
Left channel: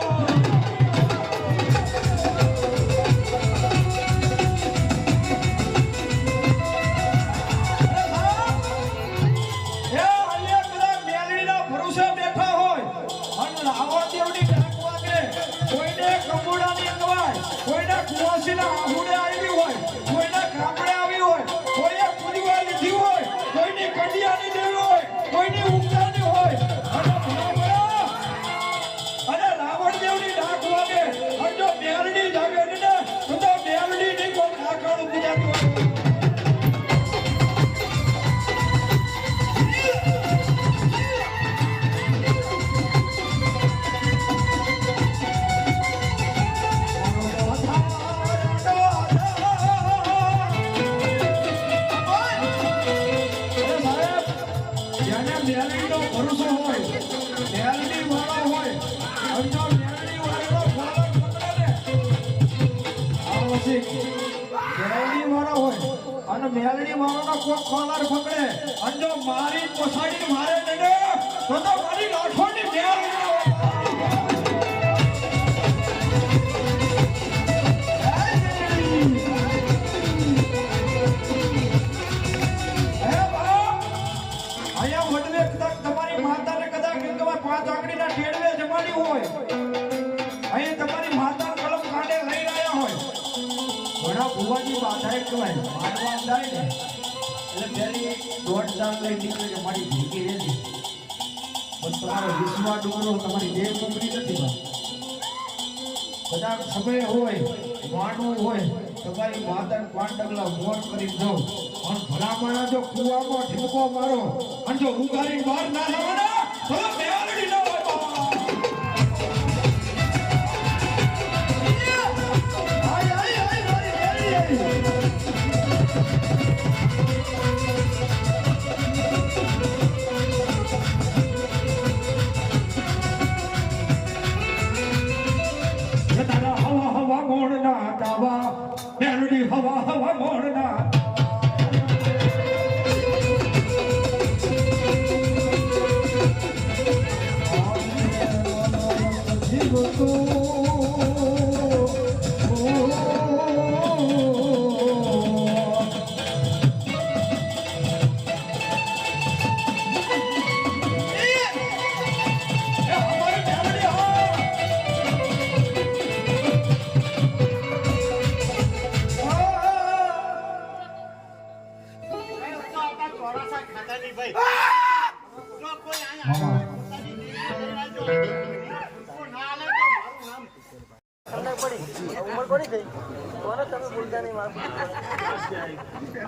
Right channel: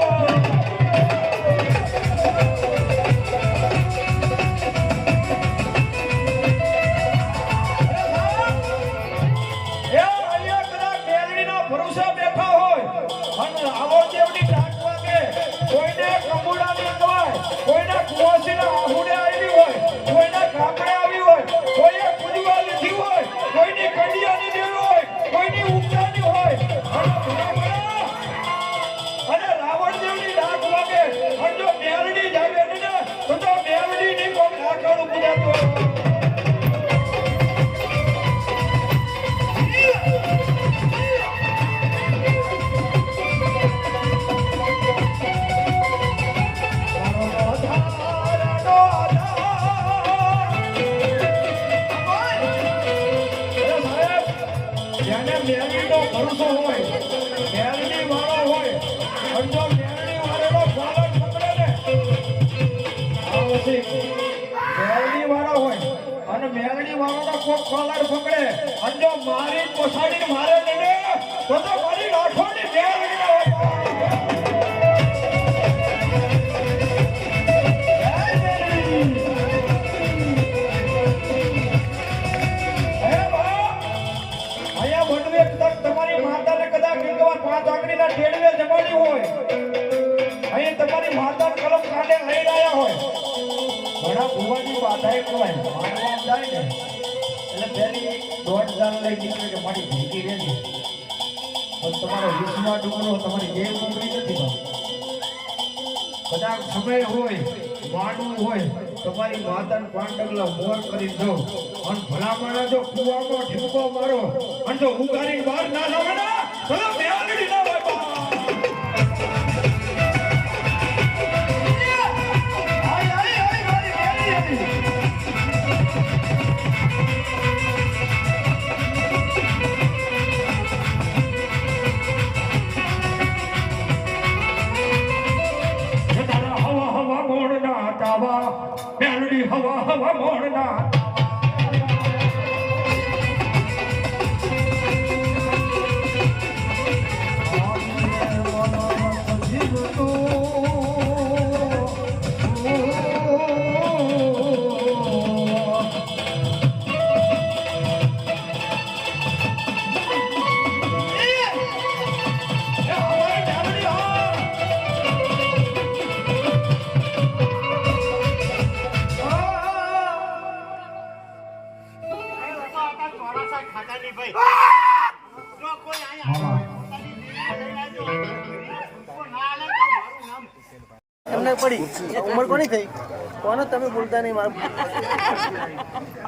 કોઈના કુવાસીના આહુડે આવી હોય કોઈના કાપડે આવી હોય કોઈએ પૂજવા લીધી હોય કોઈની કડિયાની દેવી હોય કોઈની ઉપચારની હોય અને રાવણદેવની ડાક વાગે અને જો મેલડી જાગે ને તો મેલડી ની કોઈ ડાકણ પૂજાતો મેલડીનો ભરોસો હોય મેલડી વાળો હોય અને જો મેલડી વાળો પાલન પકડે ને આ પછી મેલડી વાળો હોય અને અને મેલડી વાળાનો કોક કોલર પકડે અને જો મારી પોસાડીને મારે ને તો મારી લાખોની તમારી માતાને કદાચ ગંગવા 5 આંગળીના ટેડવે જમાડી હોય અહીં તમારી માતા કલમ કાંડે લઈ રહ્યા હોય ઘણા ભુવાની માતાએ કહેવાય માનવા જાય ને એટલે પેલી 1.5 જાન લઈ નીકળે કે મારી ભીગી રહેતી પણ તમારો વિશ્વા ડુંગરો તમારી દેવ ડુંગરી નથી કદાચ સમય હોય માનવું હોય તમારી માતાને 5 ડગલા મોર કરી દો અને ભલા માણા જો કુવામાં ઠીમકો મારો અને જો ઉગારી બહાર ના લાવે ને તો મેલડી ન હોય આય આય આય મારી મેલડી મેલડી હવા હવા મોડના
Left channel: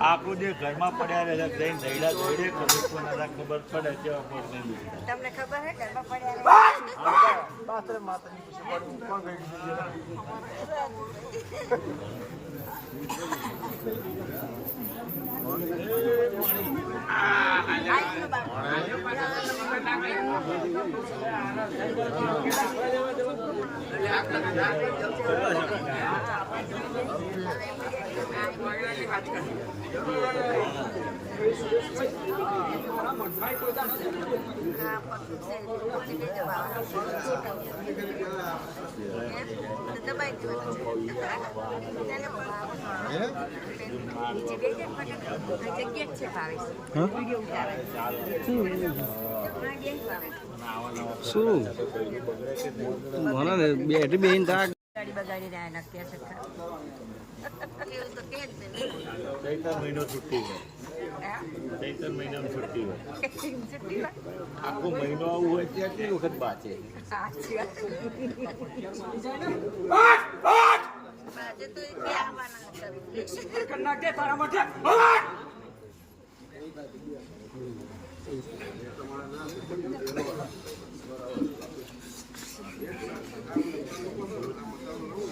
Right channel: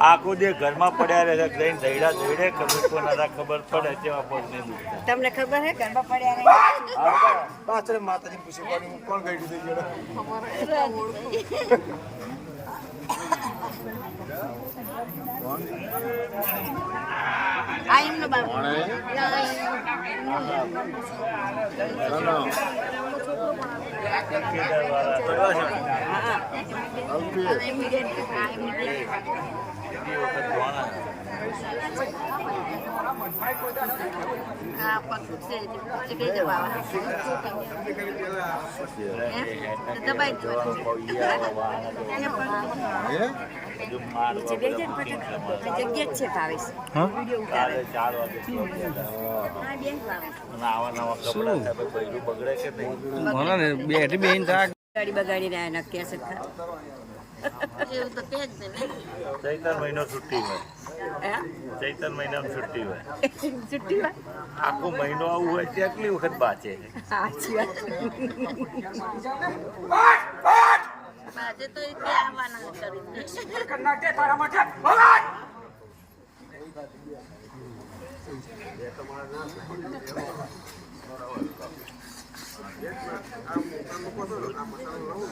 આખો દે ઘરમાં પડ્યા રહે છે લઈને ઝઘડા જોડે ખબર ખબર પડે તેવા પગ નહીં દુખતા. તમને ખબર હે ઘરમાં પડ્યા પાછળ માતાજી પૂછી કોણ ગઈ ચૈતર મહિનો છુટ્ટી હોય ચૈતર મહિનામાં છુટ્ટી હોય આખો મહિનો આવું હોય ત્યાં કેટલી વખત બાચે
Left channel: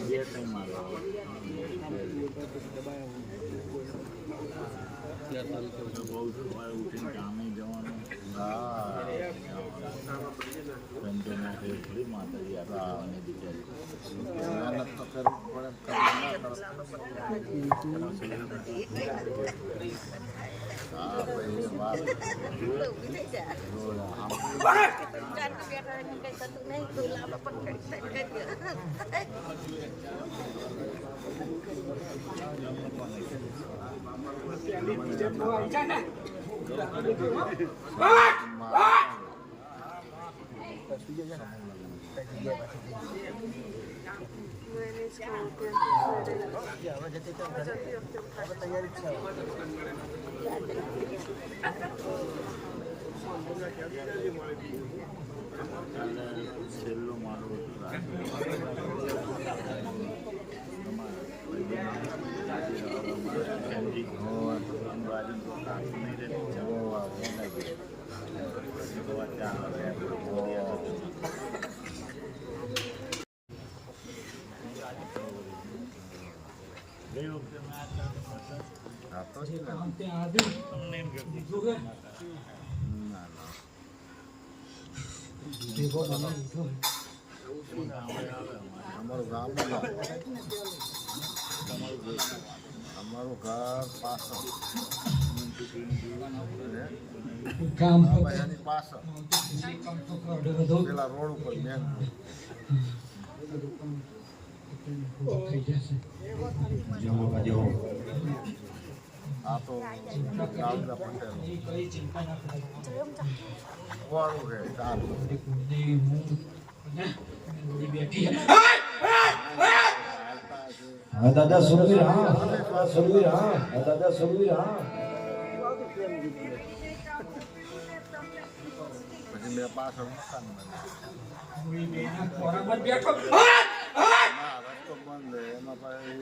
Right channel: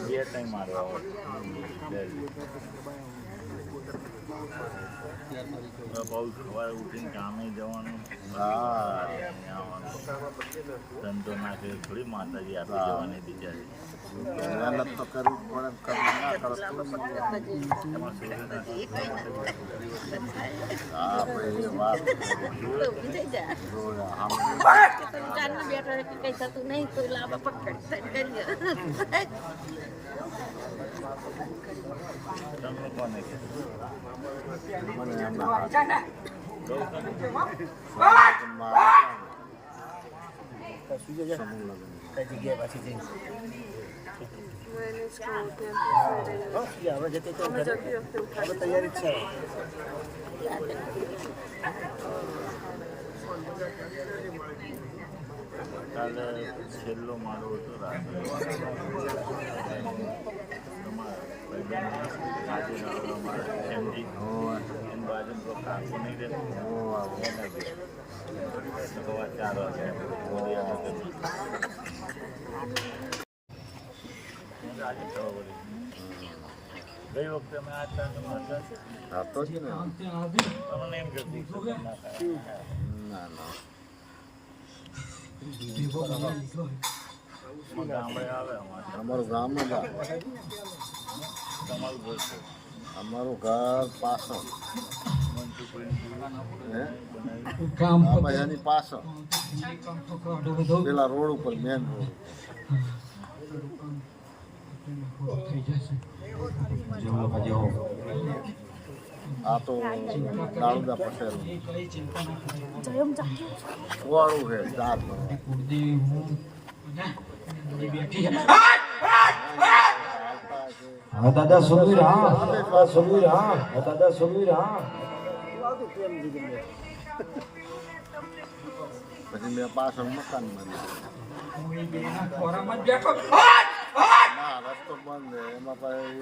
બે ટાઈમ મારવા બહુ સવારે ઉઠીને કામે જવાનું ધંધો નાખે થોડી માતાજી આપી જવાની બિચારી મહેનત તો કરવું કાલે છેલ્લો મારો હતો રાત્રે બાજુ તો કાંકું નહીં રહેતું 4 વાગે ગઈ વખતે અમે આ તમને એમ કરતી ગામડે આવે અમારું ગામ તમારું અમારું ઘર પાછળ કામ એની પાછળ પેલા રોડ ઉપર મેન આ તો કાળુદા પટેલ વાળું છે ચાર હા દાદા સુરવીર હા સુરવીર હા દાદા સુરવીર હા પછી મેં પાછળ મકાન બનાવ્યું ના રસ્તો બંધ એમાં પાછું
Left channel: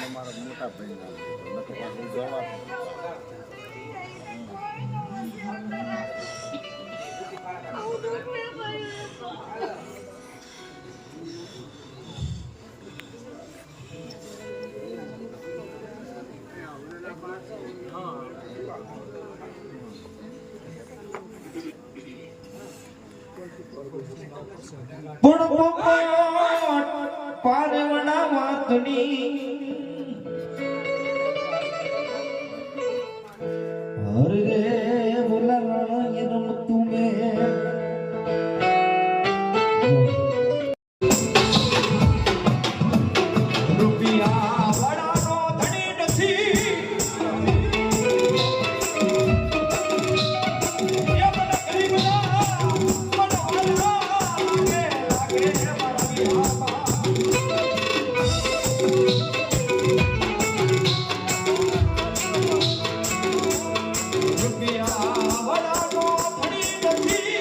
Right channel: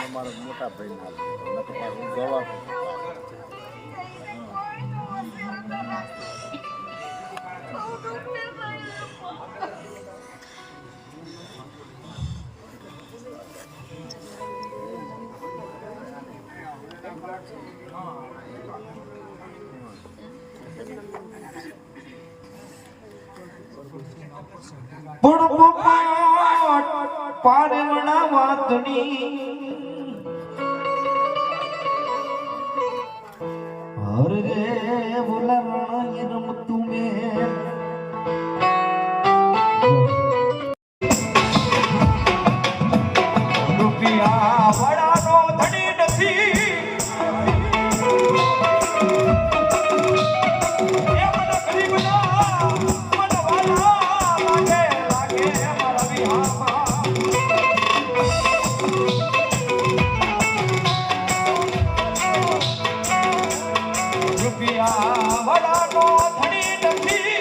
અમારા મોટા ભાઈ જવા પણ પારવણા વાતની હર રે બોલા રાણી રમતું મેં રૂપિયા વડાનો ધણી નથી એ મને ગરીબના મનવાલા લાગે મારા વિહામાં રૂપિયા વડાનો ધણી નથી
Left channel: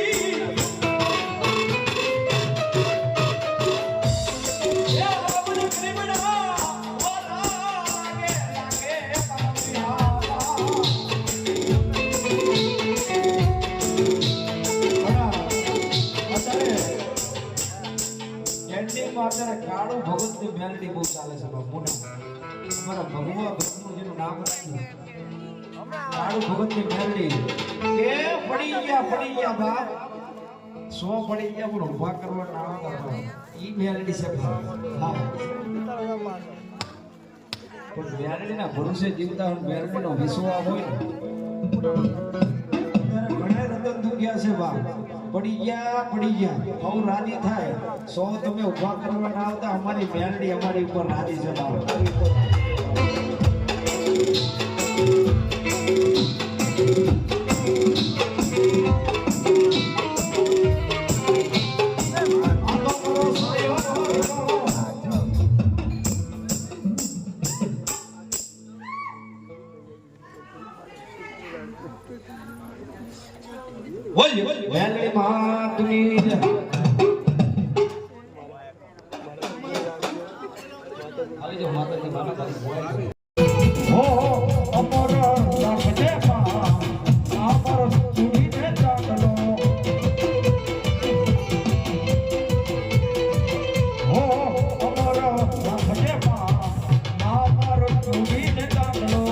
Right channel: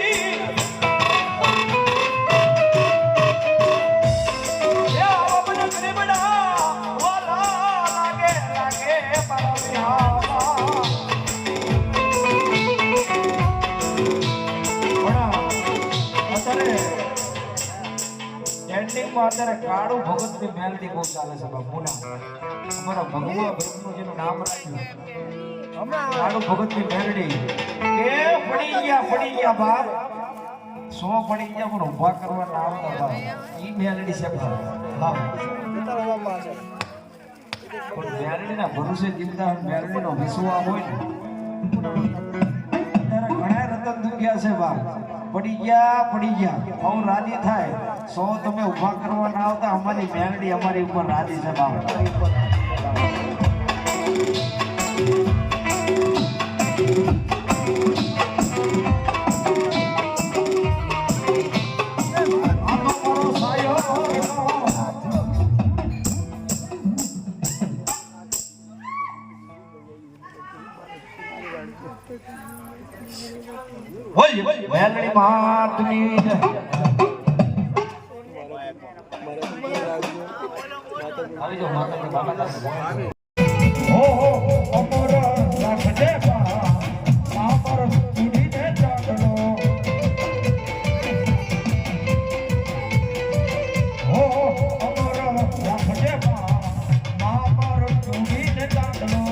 એ આવા મને ગરીબના વાલા લાગે મારા વિહામાં અત્યારે કાળું ભગતની મેલડી બહુ ચાલે છે બાપુના અમારા ભગવા ભગતનું જેનું નામ રાખ્યું કાળું ભગતની મેલડી કે પડી ગયા બાપ 100 પડી ગયા પણ ઊભા કરવા ના આવતા બાપ ઈ મેલડી છે બાપ હા પણ મેલડીના ભરોસે જીવતા મેલડીનો વિશ્વાસ હોય ને અત્યારે ઘણા રતન દુખ્યા છે બાપ પડી ગયા બહુ રાજી થાય 100 તમે ઊભા કરવા ના આવતા અમારી મેલડી અમારી ઉપર રાજી છે બાપ મેલડી માતની આવી જો માતાજી બાબા તારી બોલે હો અમર રાખજે પા આપર સુધીને ચાકલો હો અમર રાખજે પા આપર સુધીને ચાકલો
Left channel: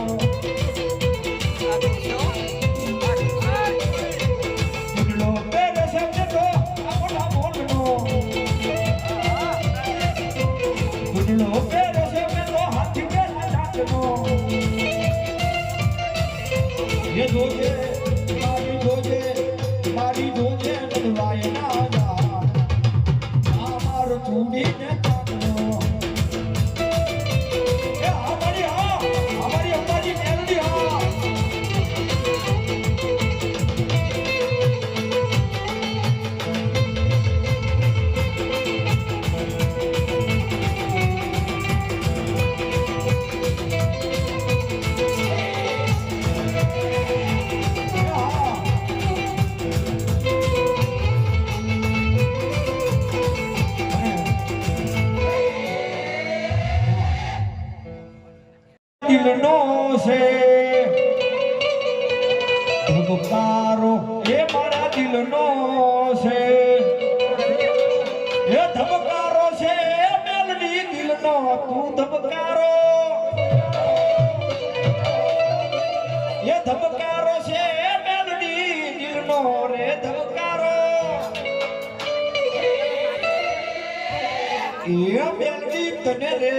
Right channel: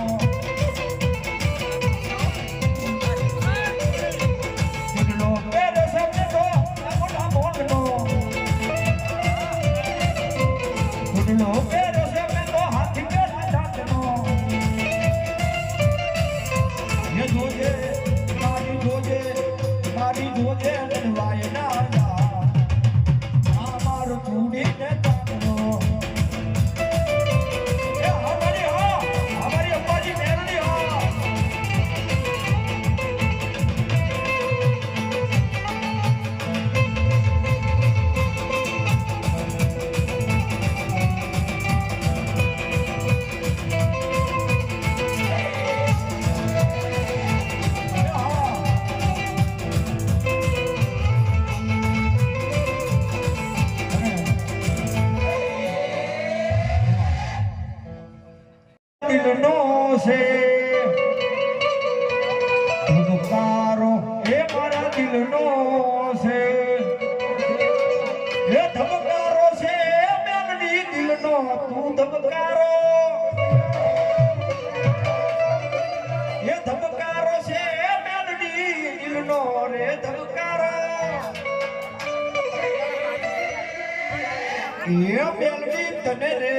લો પેરે સબને તો આપણા બોલનો લો પેરે સબને તો હાથી પેરા ડાકનો ये जोजे मारी जोजे बनवाए ना जा आमार चूड़ी ने ताकनो ये हमारी अम्बाजी मेलडी हाँ દિલનો છે ધબકારો એ મારા દિલનો છે એ ધબકારો છે મેલડી દિલનો તું ધબકારો એ ધબકારો છે મેલડી દિલનો રે ધબકારો એ મેલડી તને રે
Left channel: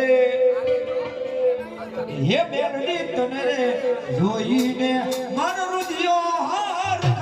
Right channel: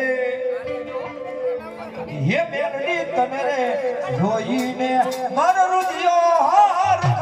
હે મેલડી તને રે જોઈને મારો રુધિયો હાર